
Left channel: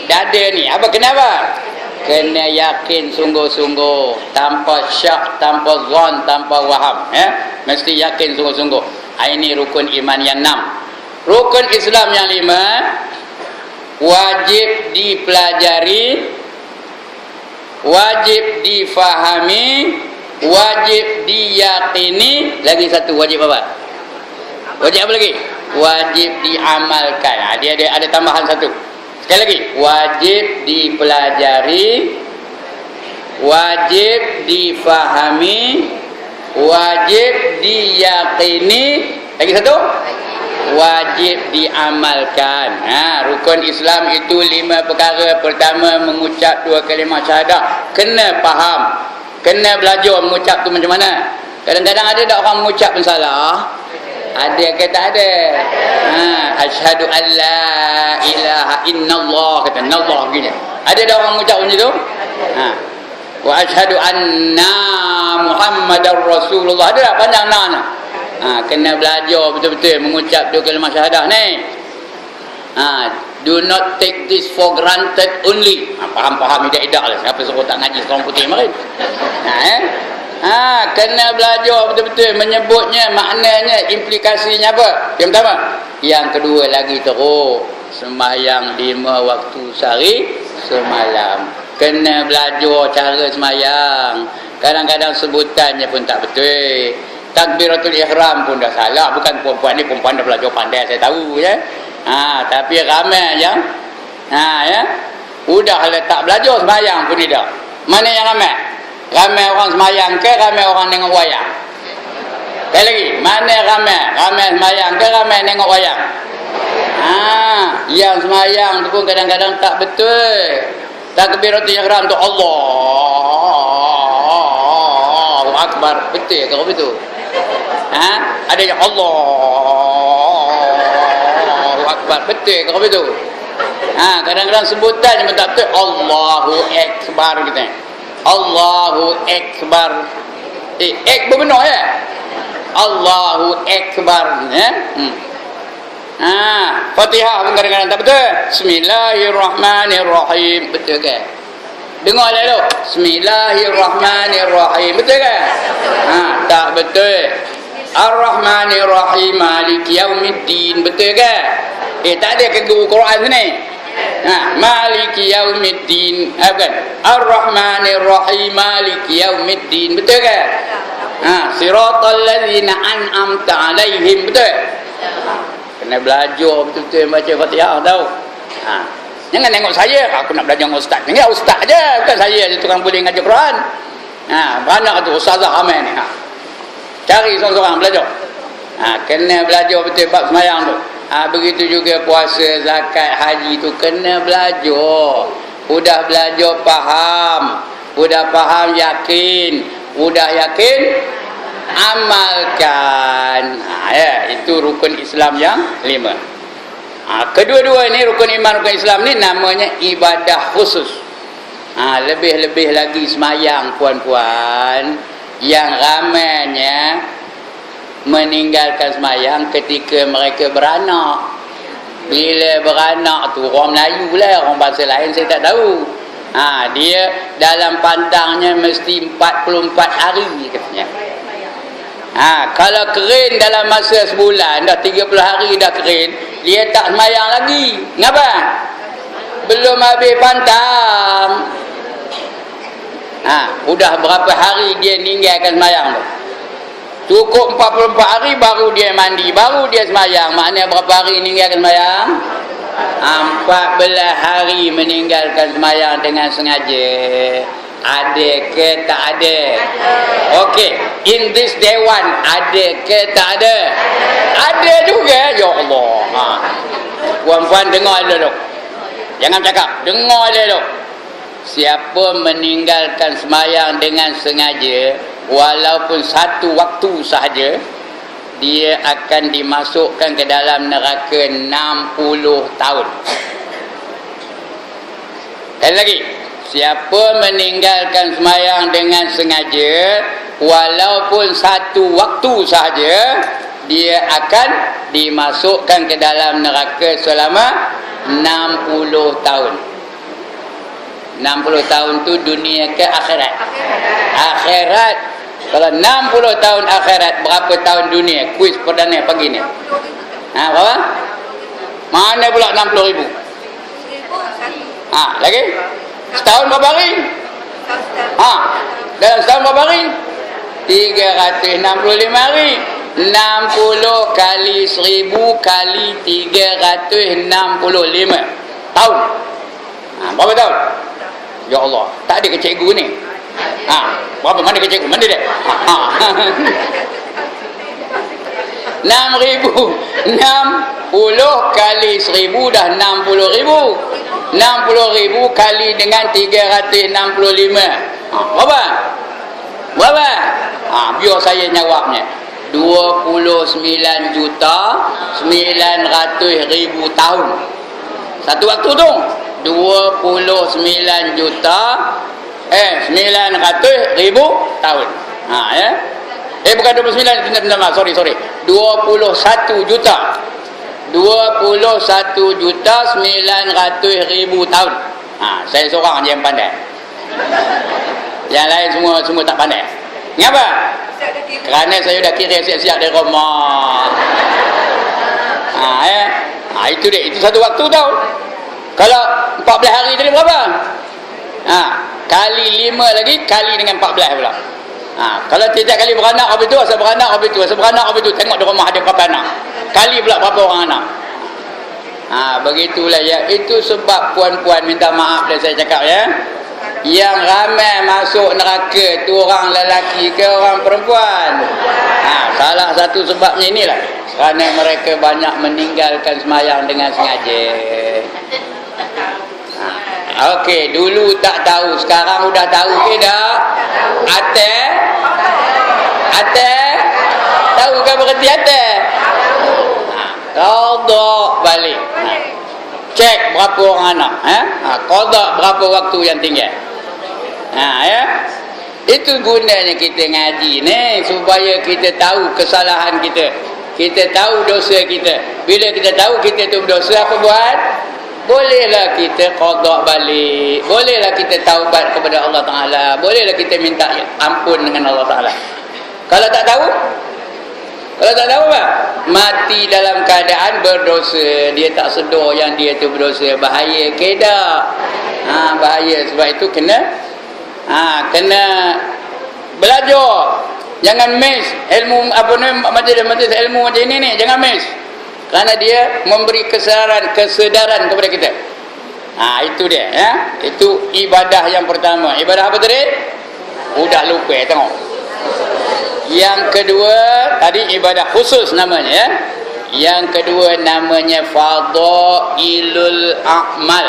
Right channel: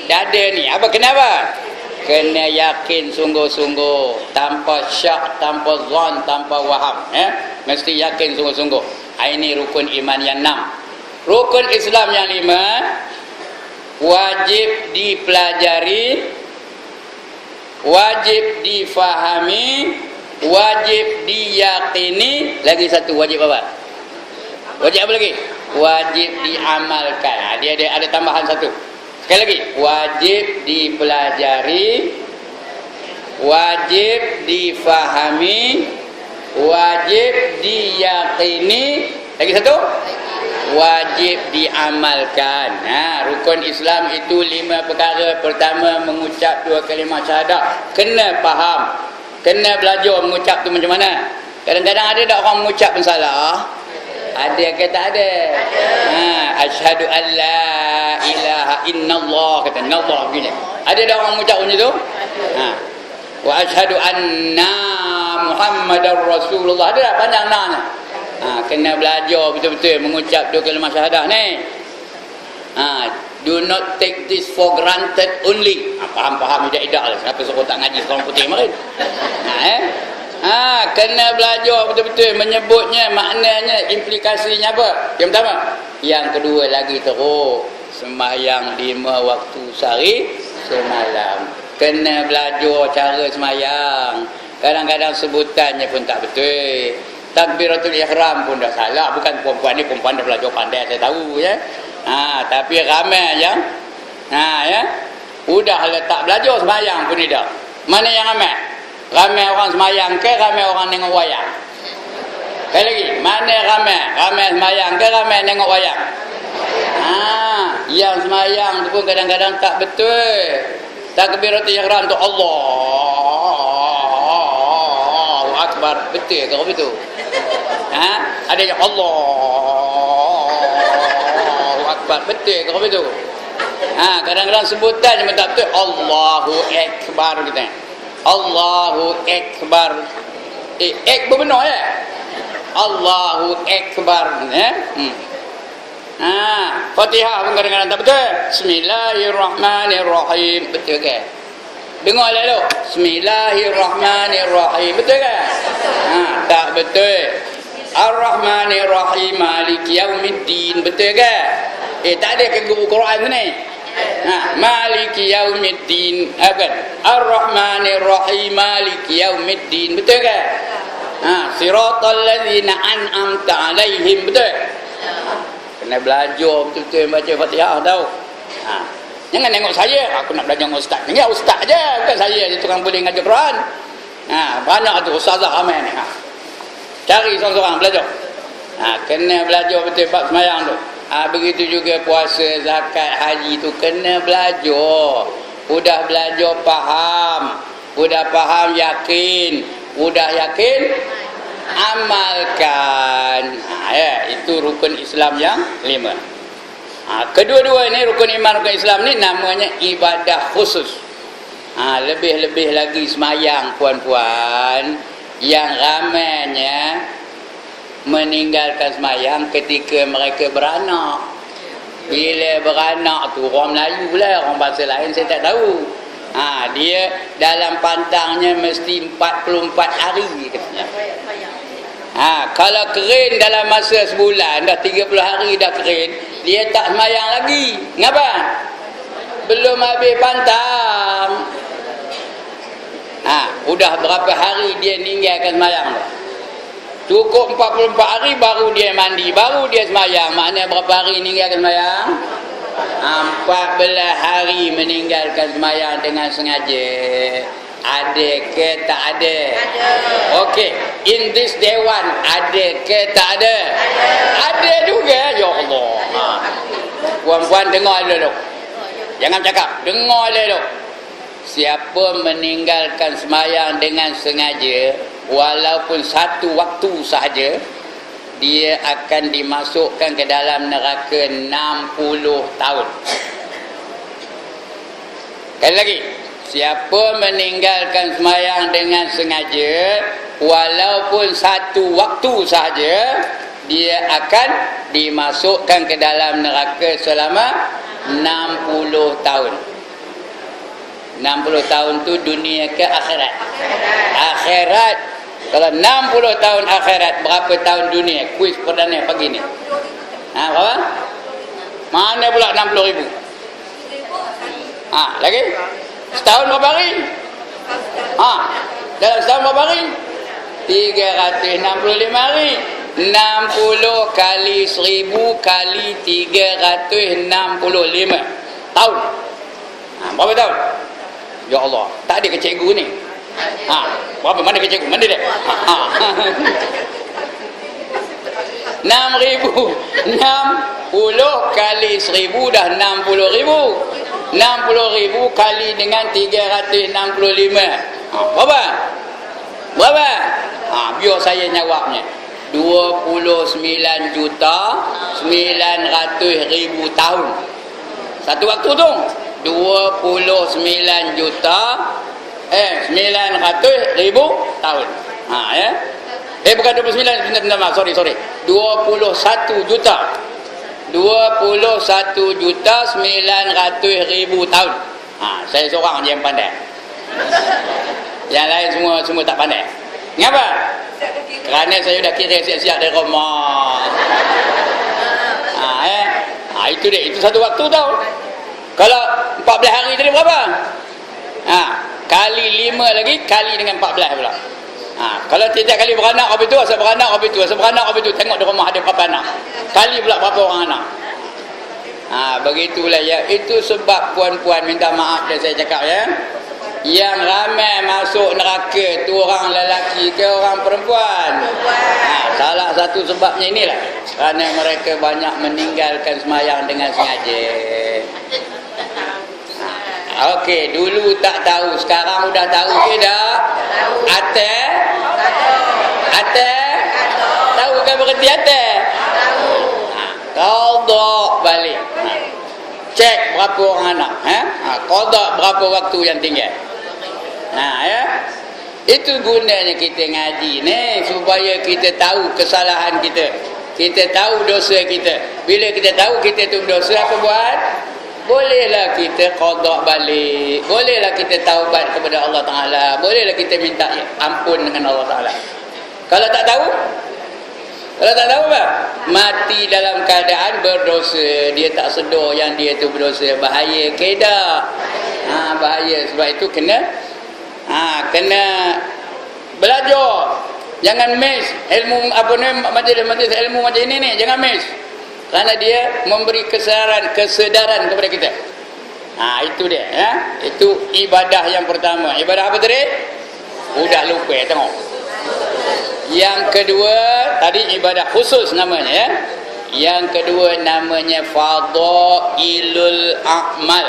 Dada ni. Apa kenapa? Kena yakin sungguh-sungguh, tanpa syak, tanpa zon, tanpa waham, ya. Mesti yakin sungguh-sungguh. Ini rukun iman yang 6. Rukun Islam yang 5, wajib dipelajari, wajib difahami, wajib diyakini. Lagi satu, wajib apa? Wajib apa lagi? Wajib diamalkan. Dia ada tambahan satu. Sekali lagi, wajib dipelajari, wajib difahami, wajib diyakini. Lagi satu, wajib diamalkan. Rukun Islam itu 5 perkara. Pertama, mengucap 2 kalimah syahadah. Kena faham, kena belajar mengucap tu macam mana. Kadang-kadang ada tak orang mengucap pun salah? Ada ke tak ada? Asyhadu an la ilaha illallah, kata nallah begini. Ada tak orang mengucap macam tu? Wa asyhadu anna Muhammadar Rasulullah. Ada tak panjang nak? Kena belajar betul-betul mengucap 2 kalimah syahadah ni. Do not take this for granted only. Faham-faham idak-idak lah. Siapa suruh tak ngaji seorang putih kemarin? Kena belajar betul-betul menyebutnya, maknanya, implikasinya apa? Yang pertama. Yang kedua lagi teruk, sembahyang 5 waktu sehari semalam. Kena belajar cara sembahyang. Kadang-kadang sebutannya pun tak betul. Takbiratul ihram pun dah salah. Bukan perempuan ni, perempuan dah belajar pandai, saya tahu, ya. Tapi ramai yang ya, udah tak belajar sembahyang pun tidak. Mana yang ramai? Ramai orang sembahyang ke ramai orang tengok wayang? Sekali lagi, mana ramai? Ramai sembahyang ke ramai tengok wayang? Yang sembahyang tu pun kadang-kadang tak betul. Takbiratul ihram tu Allahu Akbar. Betul ke betul? Ada yang Allahu Akbar. Betul ke betul? Kadang-kadang sebutannya pun tak betul. Allahu Akbar kita. Allahu Akbar. Benar ya? Allahu Akbar, ya. Fatihah pun kadang-kadang tak betul. Bismillahirrahmanirrahim. Betul ke? Dengar lalu. Bismillahirrahmanirrahim. Betul ke? Tak betul. Ar-Rahmanirrahim Maliki Yaumiddin. Betul ke? Tak ada ke guru Quran sini? Maliki Yaumiddin. Bukan. Ar-Rahmanirrahim Maliki Yaumiddin. Betul ke? Siratal ladzina an'amta alaihim. Betul? Kena belajar betul-betul baca Fatihah tahu. Jangan tengok saya, aku nak belajar dengan ustaz. Tengok ustaz je, bukan saya je tukang boleh ngajar Quran. Banyak tu ustazah ramai ni. Cari seorang-seorang belajar. Kena belajar betul bab sembahyang tu. Begitu juga puasa, zakat, haji tu kena belajar. Udah belajar faham, udah faham yakin, udah yakin amalkan. Ya, itu rukun Islam yang 5. Kedua-dua ni rukun iman, rukun Islam ni namanya ibadah khusus. Lebih-lebih lagi semayang puan-puan. yang ramainya meninggalkan semayang ketika mereka beranak. Bila beranak tu orang Melayu lah, orang bahasa lain saya tak tahu. Dia dalam pantangnya mesti 44 hari katanya. Kalau kering dalam masa sebulan, dah 30 hari dah kering, dia tak semayang lagi. Ngapa? Belum habis pantang. Udah berapa hari dia ninggalkan semayang tu. Cukup 44 hari baru dia mandi, baru dia semayang. Maknanya berapa hari meninggalkan semayang? 14 hari meninggalkan semayang dengan sengaja. Ada ke tak ada? Okey, in this day one, ada ke tak ada? Ada juga. Ya Allah. Puan-puan dengar dulu. Jangan cakap, dengar dulu. Siapa meninggalkan semayang dengan sengaja, walaupun satu waktu sahaja, dia akan dimasukkan ke dalam neraka 60 tahun. Sekali lagi, siapa meninggalkan semayang dengan sengaja, walaupun satu waktu sahaja, dia akan dimasukkan ke dalam neraka selama 60 tahun. 60 tahun tu dunia ke akhirat? Akhirat. Kalau 60 tahun akhirat, berapa tahun dunia? Kuis perdana pagi ni. Berapa? Mana pula 60,000? Lagi? Setahun berapa hari? Dalam setahun berapa hari? 365 hari. 60 kali 1000 kali 365 tahun. Berapa tahun? Ya Allah, tak ada ke cikgu ni? Berapa? Mana ke cikgu? Mana dia? 60 kali 1000 dah 60,000. 60,000 kali dengan 365. Berapa? Berapa? Biar saya jawabnya. 29,900,000 tahun. Satu waktu tu 29,900,000 tahun. Ya. Bukan 29, sorry. 21 juta. 21,900,000 tahun. Saya seorang je yang pandai. Yang lain semua tak pandai. Kenapa? Kerana saya dah kira siap-siap dari rumah. Itu dia. Itu satu waktu tau. Kalau 14 hari tadi berapa? Kali 5 lagi, kali dengan 14 pula. Kalau tiap kali beranak, habis tu, asal beranak, habis tu, tengok di rumah ada berapa anak. Kali pula berapa orang anak. Begitulah ya. Itu sebab puan-puan minta maaf dah saya cakap ya. Yang ramai masuk neraka tu orang lelaki ke orang perempuan? Salah satu sebabnya inilah. Kerana mereka banyak meninggalkan semayang dengan sengaja. Okey, dulu tak tahu, sekarang sudah tahu ke tak? Ate? Tahu ke berhenti ate? Qada balik. Cek berapa orang anak, qada berapa waktu yang tinggal. Ya. Itu gunanya kita ngaji ni, supaya kita tahu kesalahan kita. Kita tahu dosa kita. Bila kita tahu kita tu berdosa, apa buat? Bolehlah kita qada balik. Bolehlah kita taubat kepada Allah Ta'ala. Bolehlah kita minta ampun dengan Allah Ta'ala. Kalau tak tahu apa? Mati dalam keadaan berdosa. Dia tak sedar yang dia tu berdosa. Bahaya ke tak? Bahaya. Sebab itu kena belajar. Jangan miss ilmu majlis ilmu macam ini ni. Jangan miss. Kerana dia memberi kesedaran kepada kita. Itu dia ya. Itu ibadah yang pertama. Ibadah apa tadi? Udah lupa tengok. Yang kedua tadi ibadah khusus namanya ya. Yang kedua namanya fadailul a'mal.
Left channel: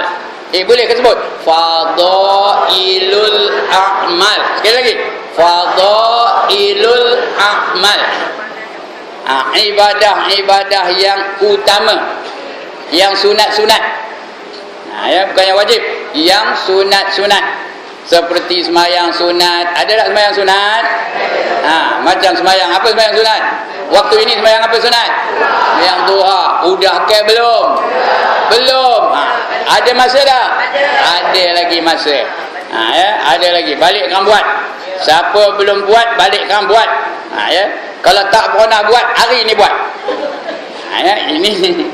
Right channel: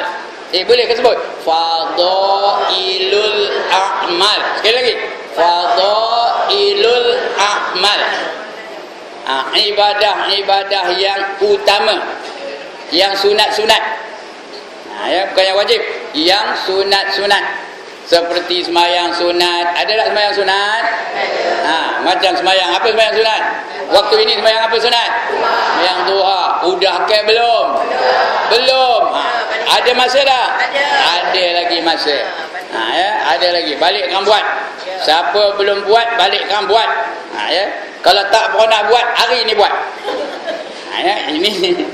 Boleh ke sebut? Fadailul a'mal. Sekali lagi. Fadailul a'mal. Ibadah yang utama, yang sunat-sunat. Ya, bukan yang wajib, yang sunat-sunat. Seperti semayang sunat. Ada tak semayang sunat? Macam semayang. Apa semayang sunat? Waktu ini semayang apa sunat? Semayang duha. Udah ke belum? Belum. Ada masa tak? Ada lagi masa. Ya, ada lagi. Balik kamu buat. Siapa belum buat, balik kamu buat. Ya. Kalau tak pernah buat, hari ni buat. Ya, ini.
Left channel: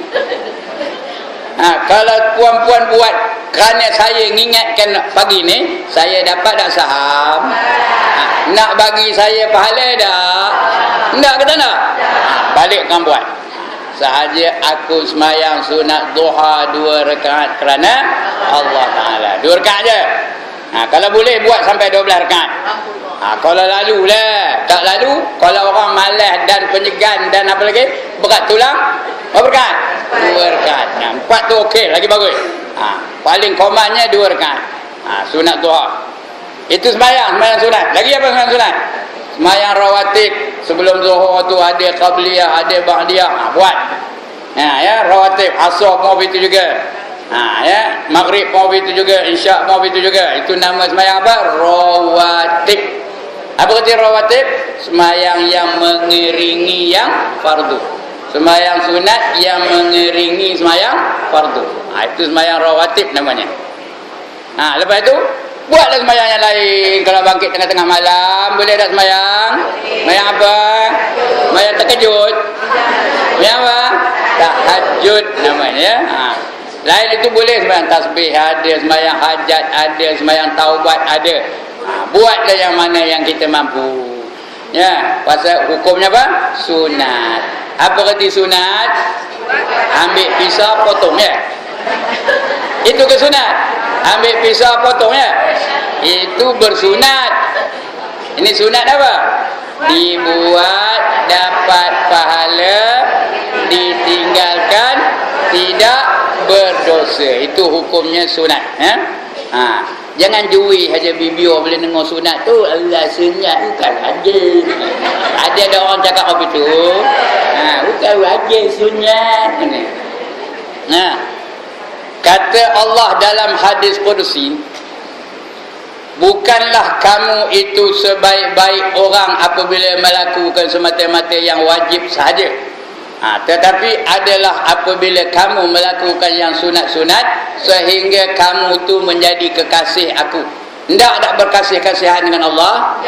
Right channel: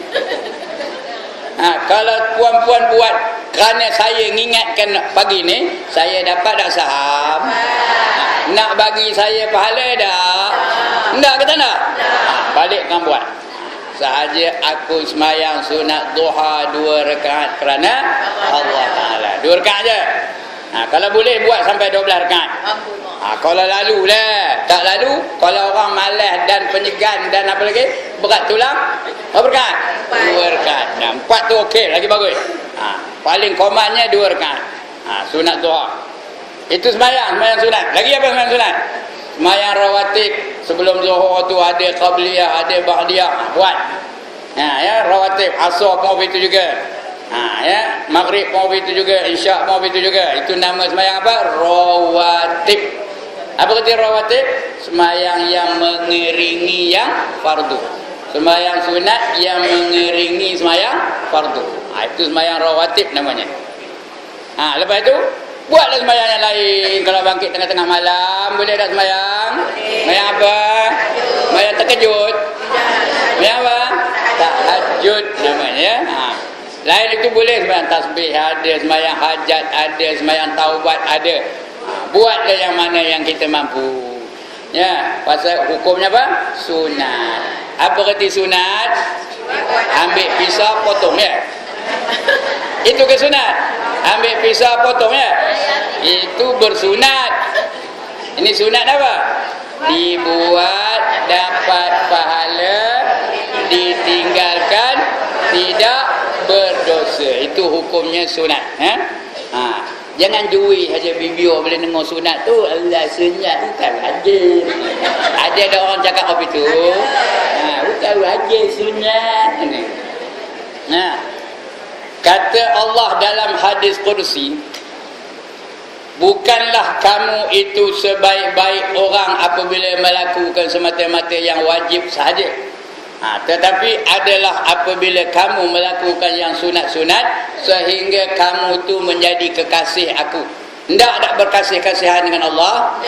Kalau puan-puan buat kerana saya mengingatkan pagi ni, saya dapat tak saham? Nak bagi saya pahala tak? Tak ke tak nak? Balik kamu buat. Sahaja aku semayang sunat duha 2 rakaat kerana Allah Ta'ala. 2 rakaat je. Kalau boleh buat sampai 12 rakaat. Kalau lalu lah. Tak lalu, kalau orang malas dan penyegan dan apa lagi, berat tulang, berapa rakaat? 2 rakaat. 4 tu okey, lagi bagus. Paling komannya 2 rakaat. Sunat duha. Itu semayang sunat. Lagi apa semayang sunat? Semayang rawatib. Sebelum zuhur tu ada qabliyah, ada ba'diyah. Buat. Ya, rawatib. Asar pun itu juga. Ya, maghrib pun itu juga, isyak pun itu juga. Itu nama semayang apa? Rawatib. Apa kata rawatib? Semayang yang mengiringi yang fardu. Semayang sunat yang mengiringi semayang fardu. Itu semayang rawatib namanya. Lepas itu buatlah semayang yang lain. Kalau bangkit tengah-tengah malam, boleh tak semayang? Semayang apa? Semayang terkejut. Semayang apa? Tahajud namanya. Lain itu boleh semayang tasbih ada, semayang hajat ada, semayang taubat ada. Buatlah yang mana yang kita mampu. Ya, pasal hukumnya apa? Sunat. Apa kata sunat? Ambil pisau potong ya. Itu ke sunat? Ambil pisau potong ya. Itu bersunat. Ini sunat apa? Dibuat dapat pahala, ditinggalkan tidak berdosa. Itu hukumnya sunat. Jangan jui saja bibir bila dengar sunat tu. Allah sunat bukan aja. Ada orang cakap apa itu? Bukan aja sunat. Kata Allah dalam hadis Qudsi, bukanlah kamu itu sebaik-baik orang apabila melakukan semata-mata yang wajib sahaja. Tetapi adalah apabila kamu melakukan yang sunat-sunat sehingga kamu tu menjadi kekasih aku. Tak berkasih-kasihan dengan Allah.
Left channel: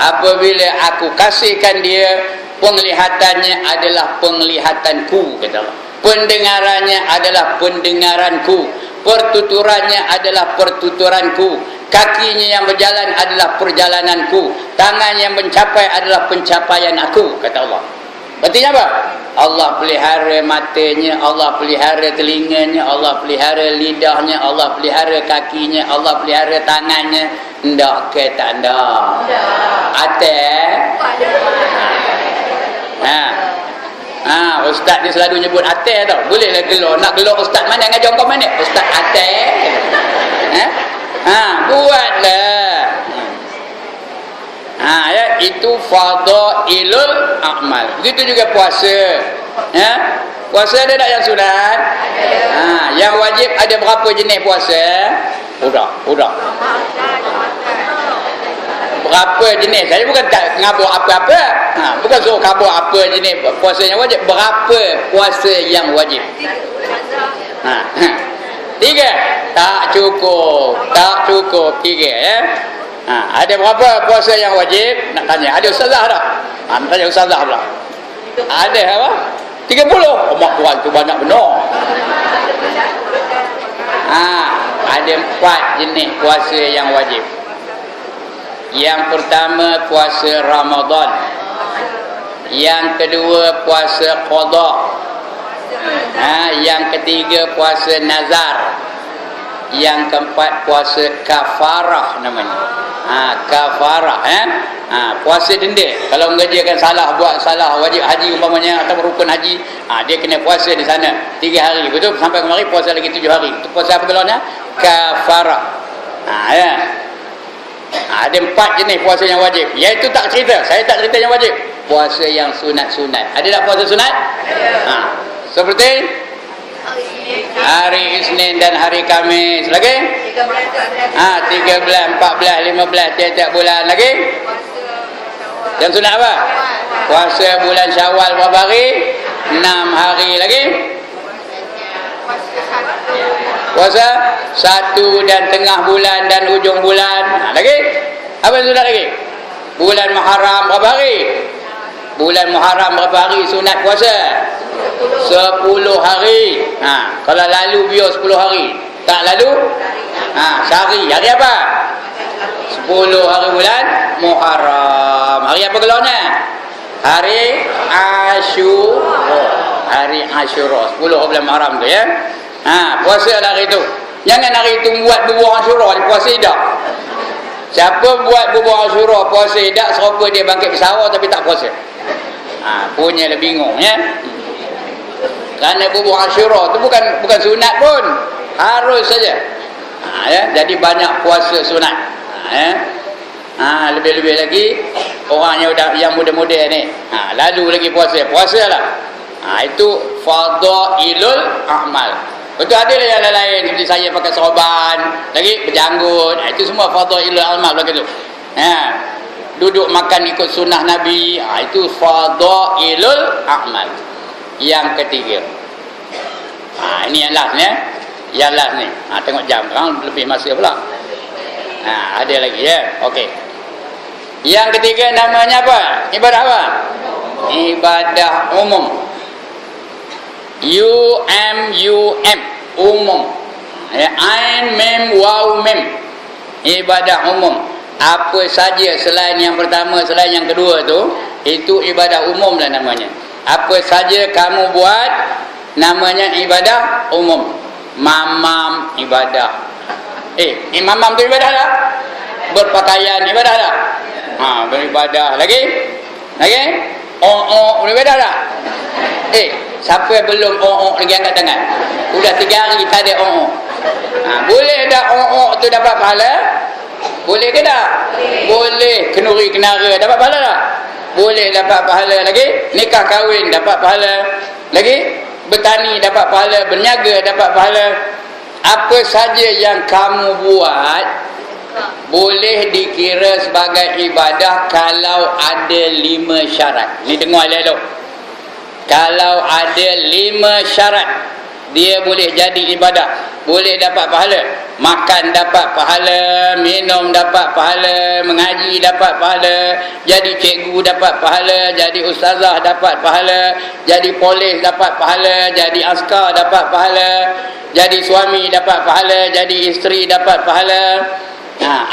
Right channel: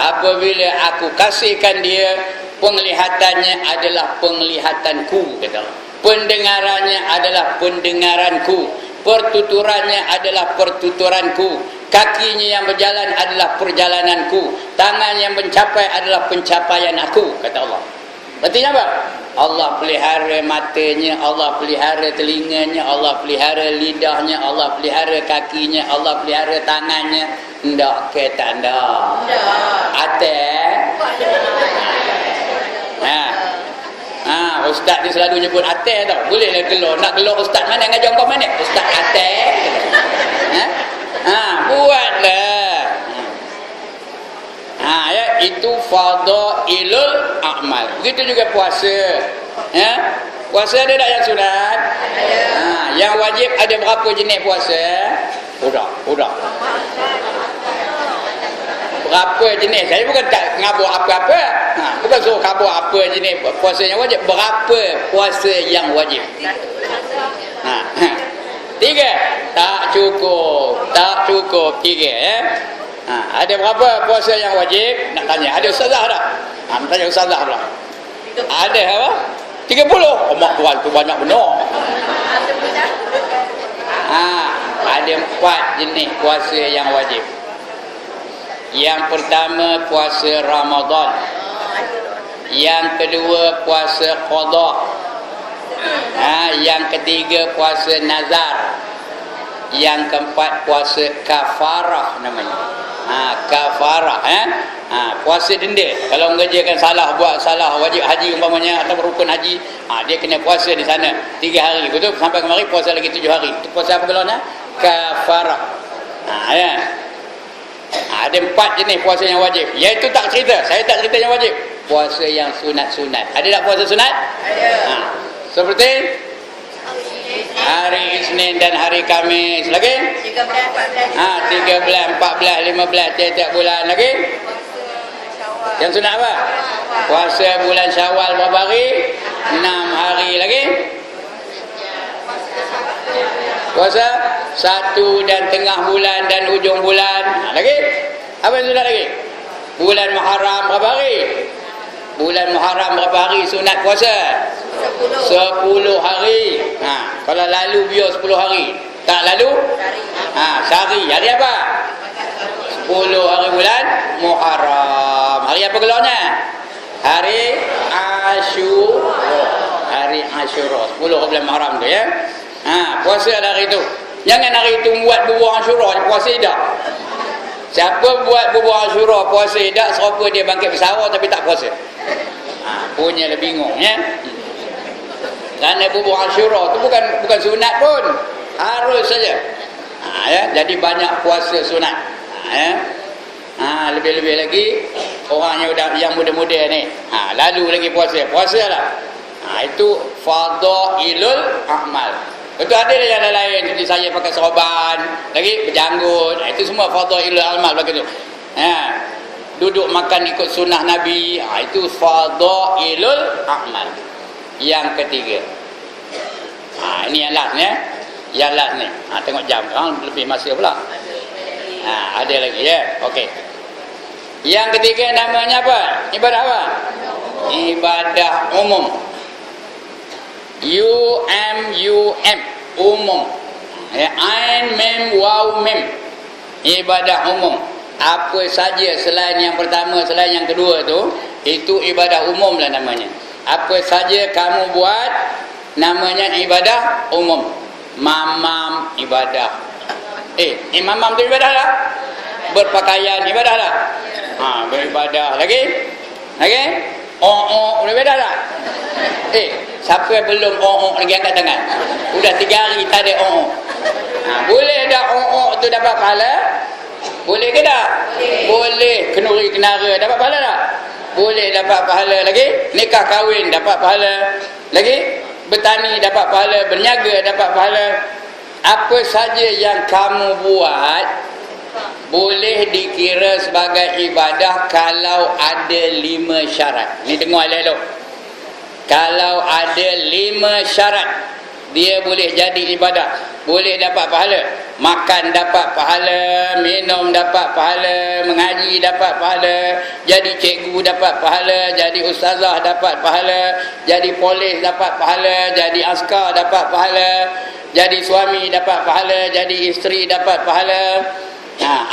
Apabila aku kasihkan dia, penglihatannya adalah penglihatanku, kata Allah. Pendengarannya adalah pendengaranku. Pertuturannya adalah pertuturanku. Kakinya yang berjalan adalah perjalananku. Tangan yang mencapai adalah pencapaian aku, kata Allah. Artinya apa? Allah pelihara matanya, Allah pelihara telinganya, Allah pelihara lidahnya, Allah pelihara kakinya, Allah pelihara tangannya. Ndak ke tak ndak? Ustaz dia selalu nyebut atas tau. Bolehlah gelor. Nak gelor ustaz mana ngajar kau mana? Ustaz atas. Buatlah. Ya, itu fadailul a'mal. Begitu juga puasa. Ya. Puasa ada tak yang sunat? Yang wajib ada berapa jenis puasa? Udah. Berapa jenis? Saya bukan tak ngabur apa-apa. Bukan suruh kabur apa jenis puasa yang wajib. Berapa puasa yang wajib? 3. Tak cukup 3 ya. Ada berapa puasa yang wajib? Nak tanya. Ada ustazah tak? Nak tanya ustazah pula. Ada apa? 30. Oh mak tuan tu banyak benar. Ada 4 jenis puasa yang wajib. Yang pertama puasa Ramadan. Yang kedua puasa qada. Yang ketiga puasa nazar. Yang keempat puasa kafarah namanya. Kafarah puasa denda. Kalau mengerjakan salah, buat salah wajib haji umpamanya atau rukun haji, dia kena puasa di sana 3 hari. Betul, sampai kemari puasa lagi 7 hari. Itu puasa apa belanya? Kafarah. Ya. Ada 4 jenis puasa yang wajib. Iaitu tak cerita. Saya tak cerita yang wajib. Puasa yang sunat-sunat. Ada tak puasa sunat? Seperti Hari Isnin dan hari Khamis. Lagi? 13, 14, 15 tiap-tiap bulan. Lagi? Yang sunat apa? Puasa bulan Syawal berapa hari? 6 hari. Lagi? Puasa 1 dan tengah bulan dan hujung bulan. Lagi? Apa yang sunat lagi? Bulan Muharram berapa hari? Bulan Muharram berapa hari sunat puasa? 10 hari. Kalau lalu biar 10 hari. Tak lalu? Sehari. Hari apa? 10 hari bulan Muharram. Hari apa gelarnya? Hari Asyura. Hari Asyura. 10 bulan Muharram tu ya. Puasa hari tu. Jangan hari tu buat bubur Asyura, puasa tak. Siapa buat bubur Asyura puasa tak, serupa dia bangkit bersara tapi tak puasa. Punya lah bingung ya. Kerana bubur Asyura tu bukan sunat pun, harus saja. Ya, jadi banyak puasa sunat. Lebih-lebih lagi orang yang muda-muda ni. Lalu lagi puasalah. Itu fadailul amal. Betul, ada lah yang lain seperti saya pakai sorban, lagi berjanggut. Itu semua fadailul amal begitu. Duduk makan ikut sunnah Nabi, itu fadailul amal. Yang ketiga, ini yang last ni. Yang last ni, tengok jam sekarang lebih masa pula. Ada lagi ya. Okey. Yang ketiga namanya apa? Ibadah apa? Ibadah umum. UMUM, umum. Ain mem waw mem. Ibadah umum. Apa saja selain yang pertama, selain yang kedua tu, itu ibadah umum lah namanya. Apa saja kamu buat, namanya ibadah umum. Mamam ibadah. Mamam tu ibadah lah. Berpakaian ibadah lah. Beribadah. Lagi? Beribadah lah. Siapa yang belum lagi angkat tangan? Udah 3 hari tak ada boleh dah tu dapat pahala? Boleh ke tak? Boleh. Kenuri kenara dapat pahala tak? Boleh dapat pahala. Lagi? Nikah kahwin dapat pahala. Lagi? Bertani dapat pahala. Berniaga dapat pahala. Apa saja yang kamu buat boleh dikira sebagai ibadah kalau ada 5 syarat. Ni dengar elok-elok. Kalau ada 5 syarat, dia boleh jadi ibadah. Boleh dapat pahala. Makan dapat pahala, minum dapat pahala, mengaji dapat pahala, jadi cikgu dapat pahala, jadi ustazah dapat pahala, jadi polis dapat pahala, jadi askar dapat pahala, jadi suami dapat pahala, jadi isteri dapat pahala.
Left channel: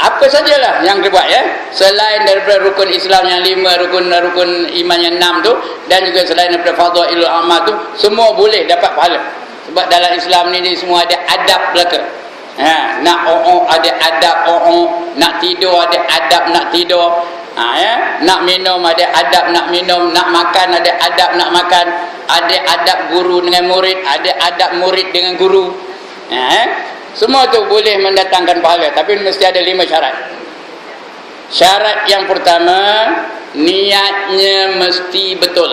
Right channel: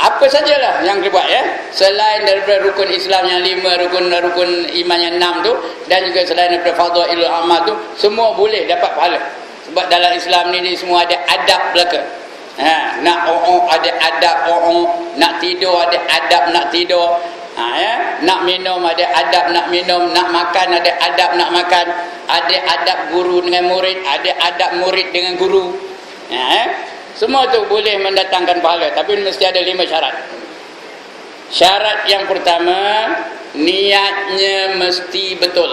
Apa sajalah yang dia buat ya, selain daripada rukun Islam yang 5, rukun iman yang 6 tu, dan juga selain daripada fadailul amal tu, semua boleh dapat pahala. Sebab dalam Islam ni semua ada adab belaka. Nak ada adab nak tidur ada adab nak tidur. Nak minum ada adab nak minum, nak makan ada adab nak makan, ada adab guru dengan murid, ada adab murid dengan guru. Semua tu boleh mendatangkan pahala, tapi mesti ada 5 syarat. Syarat yang pertama, niatnya mesti betul.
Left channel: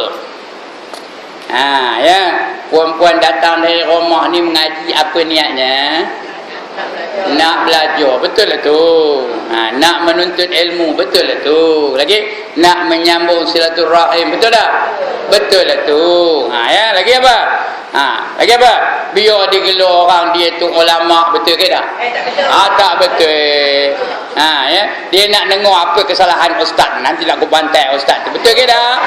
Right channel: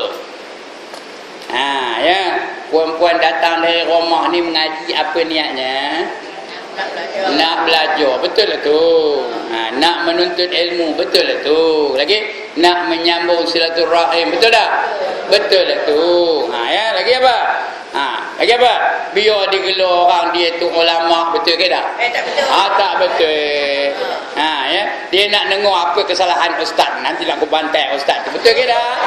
Puan-puan datang dari rumah ni mengaji, apa niatnya? Nak belajar, betul lah tu. Nak menuntut ilmu, betul lah tu. Lagi nak menyambung silaturahim, betul tak? Betul lah tu. Lagi apa? Lagi apa? Biar digelar orang dia tu ulama, betul ke tak? Tak betul. Tak betul. Dia nak dengar apa kesalahan ustaz, nanti nak aku bantai ustaz tu, betul ke tak?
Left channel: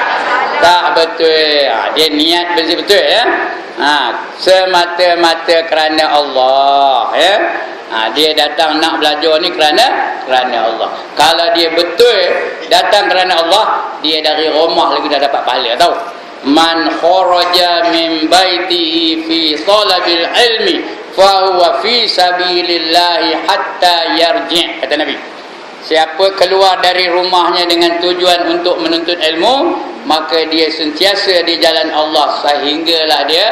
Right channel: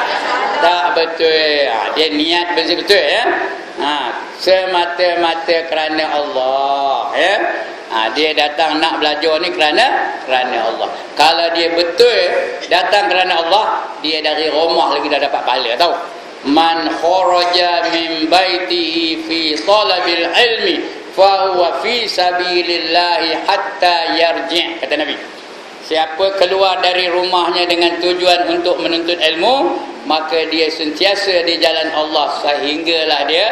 Tak betul. Dia niat betul-betul ya. Semata-mata kerana Allah ya. Dia datang nak belajar ni kerana Allah. Kalau dia betul datang kerana Allah, dia dari rumah lagi dah dapat pahala, tahu? Man kharaja min baitihi fi talabil ilmi fa huwa fi sabilillahi hatta yarji', kata Nabi. Siapa keluar dari rumahnya dengan tujuan untuk menuntut ilmu, maka dia sentiasa di jalan Allah sehinggalah dia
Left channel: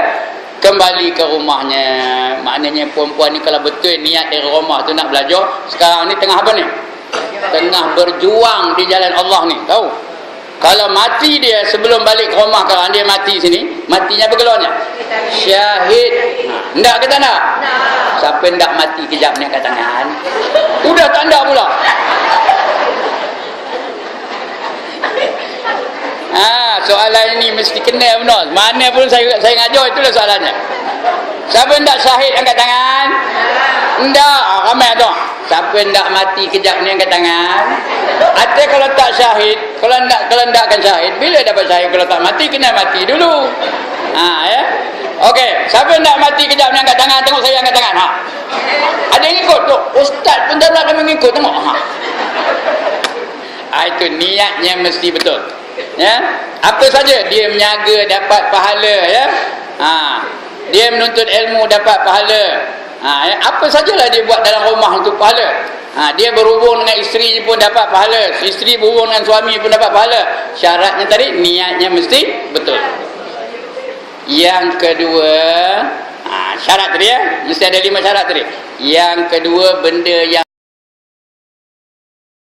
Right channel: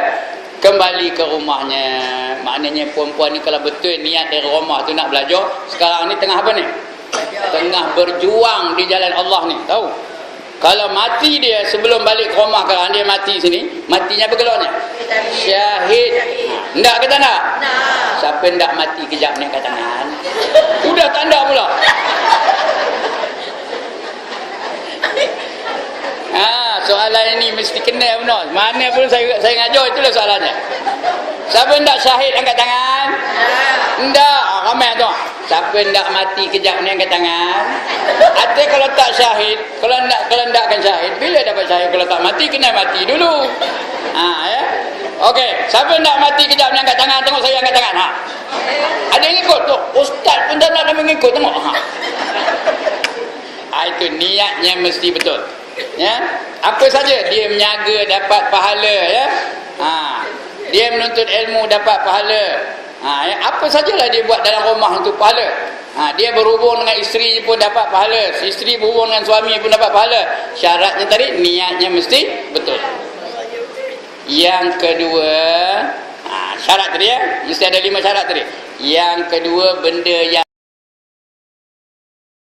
kembali ke rumahnya. Maknanya perempuan ni kalau betul niat dari rumah tu nak belajar, sekarang ni tengah apa ni? Tengah berjuang di jalan Allah ni, tahu? Kalau mati dia sebelum balik ke rumah, kalau dia mati sini, matinya apa keluarnya? Syahid. Ndak ke tak nak? Siapa ndak mati kejap ni angkat tangan? Udah tak ndak pula. Soalan ini mesti kena benar. Mana pun saya ngajar, itulah soalannya. Siapa ndak syahid angkat tangan? Ndak, ramai tu. Siapa ndak mati kejap ni angkat tangan? Ada kalau tak syahid, kalau ndakkan syahid, bila dapat syahid? Kalau tak mati kena mati dulu. Ya. Okey, siapa ndak mati kejap ni angkat tangan, tengok saya angkat tangan. Ada yang ikut tu. Ustaz pun tak nak mengikut, tengok. Itu niatnya mesti betul. Ya. Apa saja dia menjaga dapat pahala, ya. Dia menuntut ilmu dapat pahala. Ya. Apa sajalah dia buat dalam rumah untuk pahala. Dia berhubung dengan isteri pun dapat pahala. Isteri berhubung dengan suami pun dapat pahala. Syaratnya tadi niatnya mesti betul. Yang kedua, syarat tadi ya, mesti ada 5 syarat tadi. Yang kedua, benda yang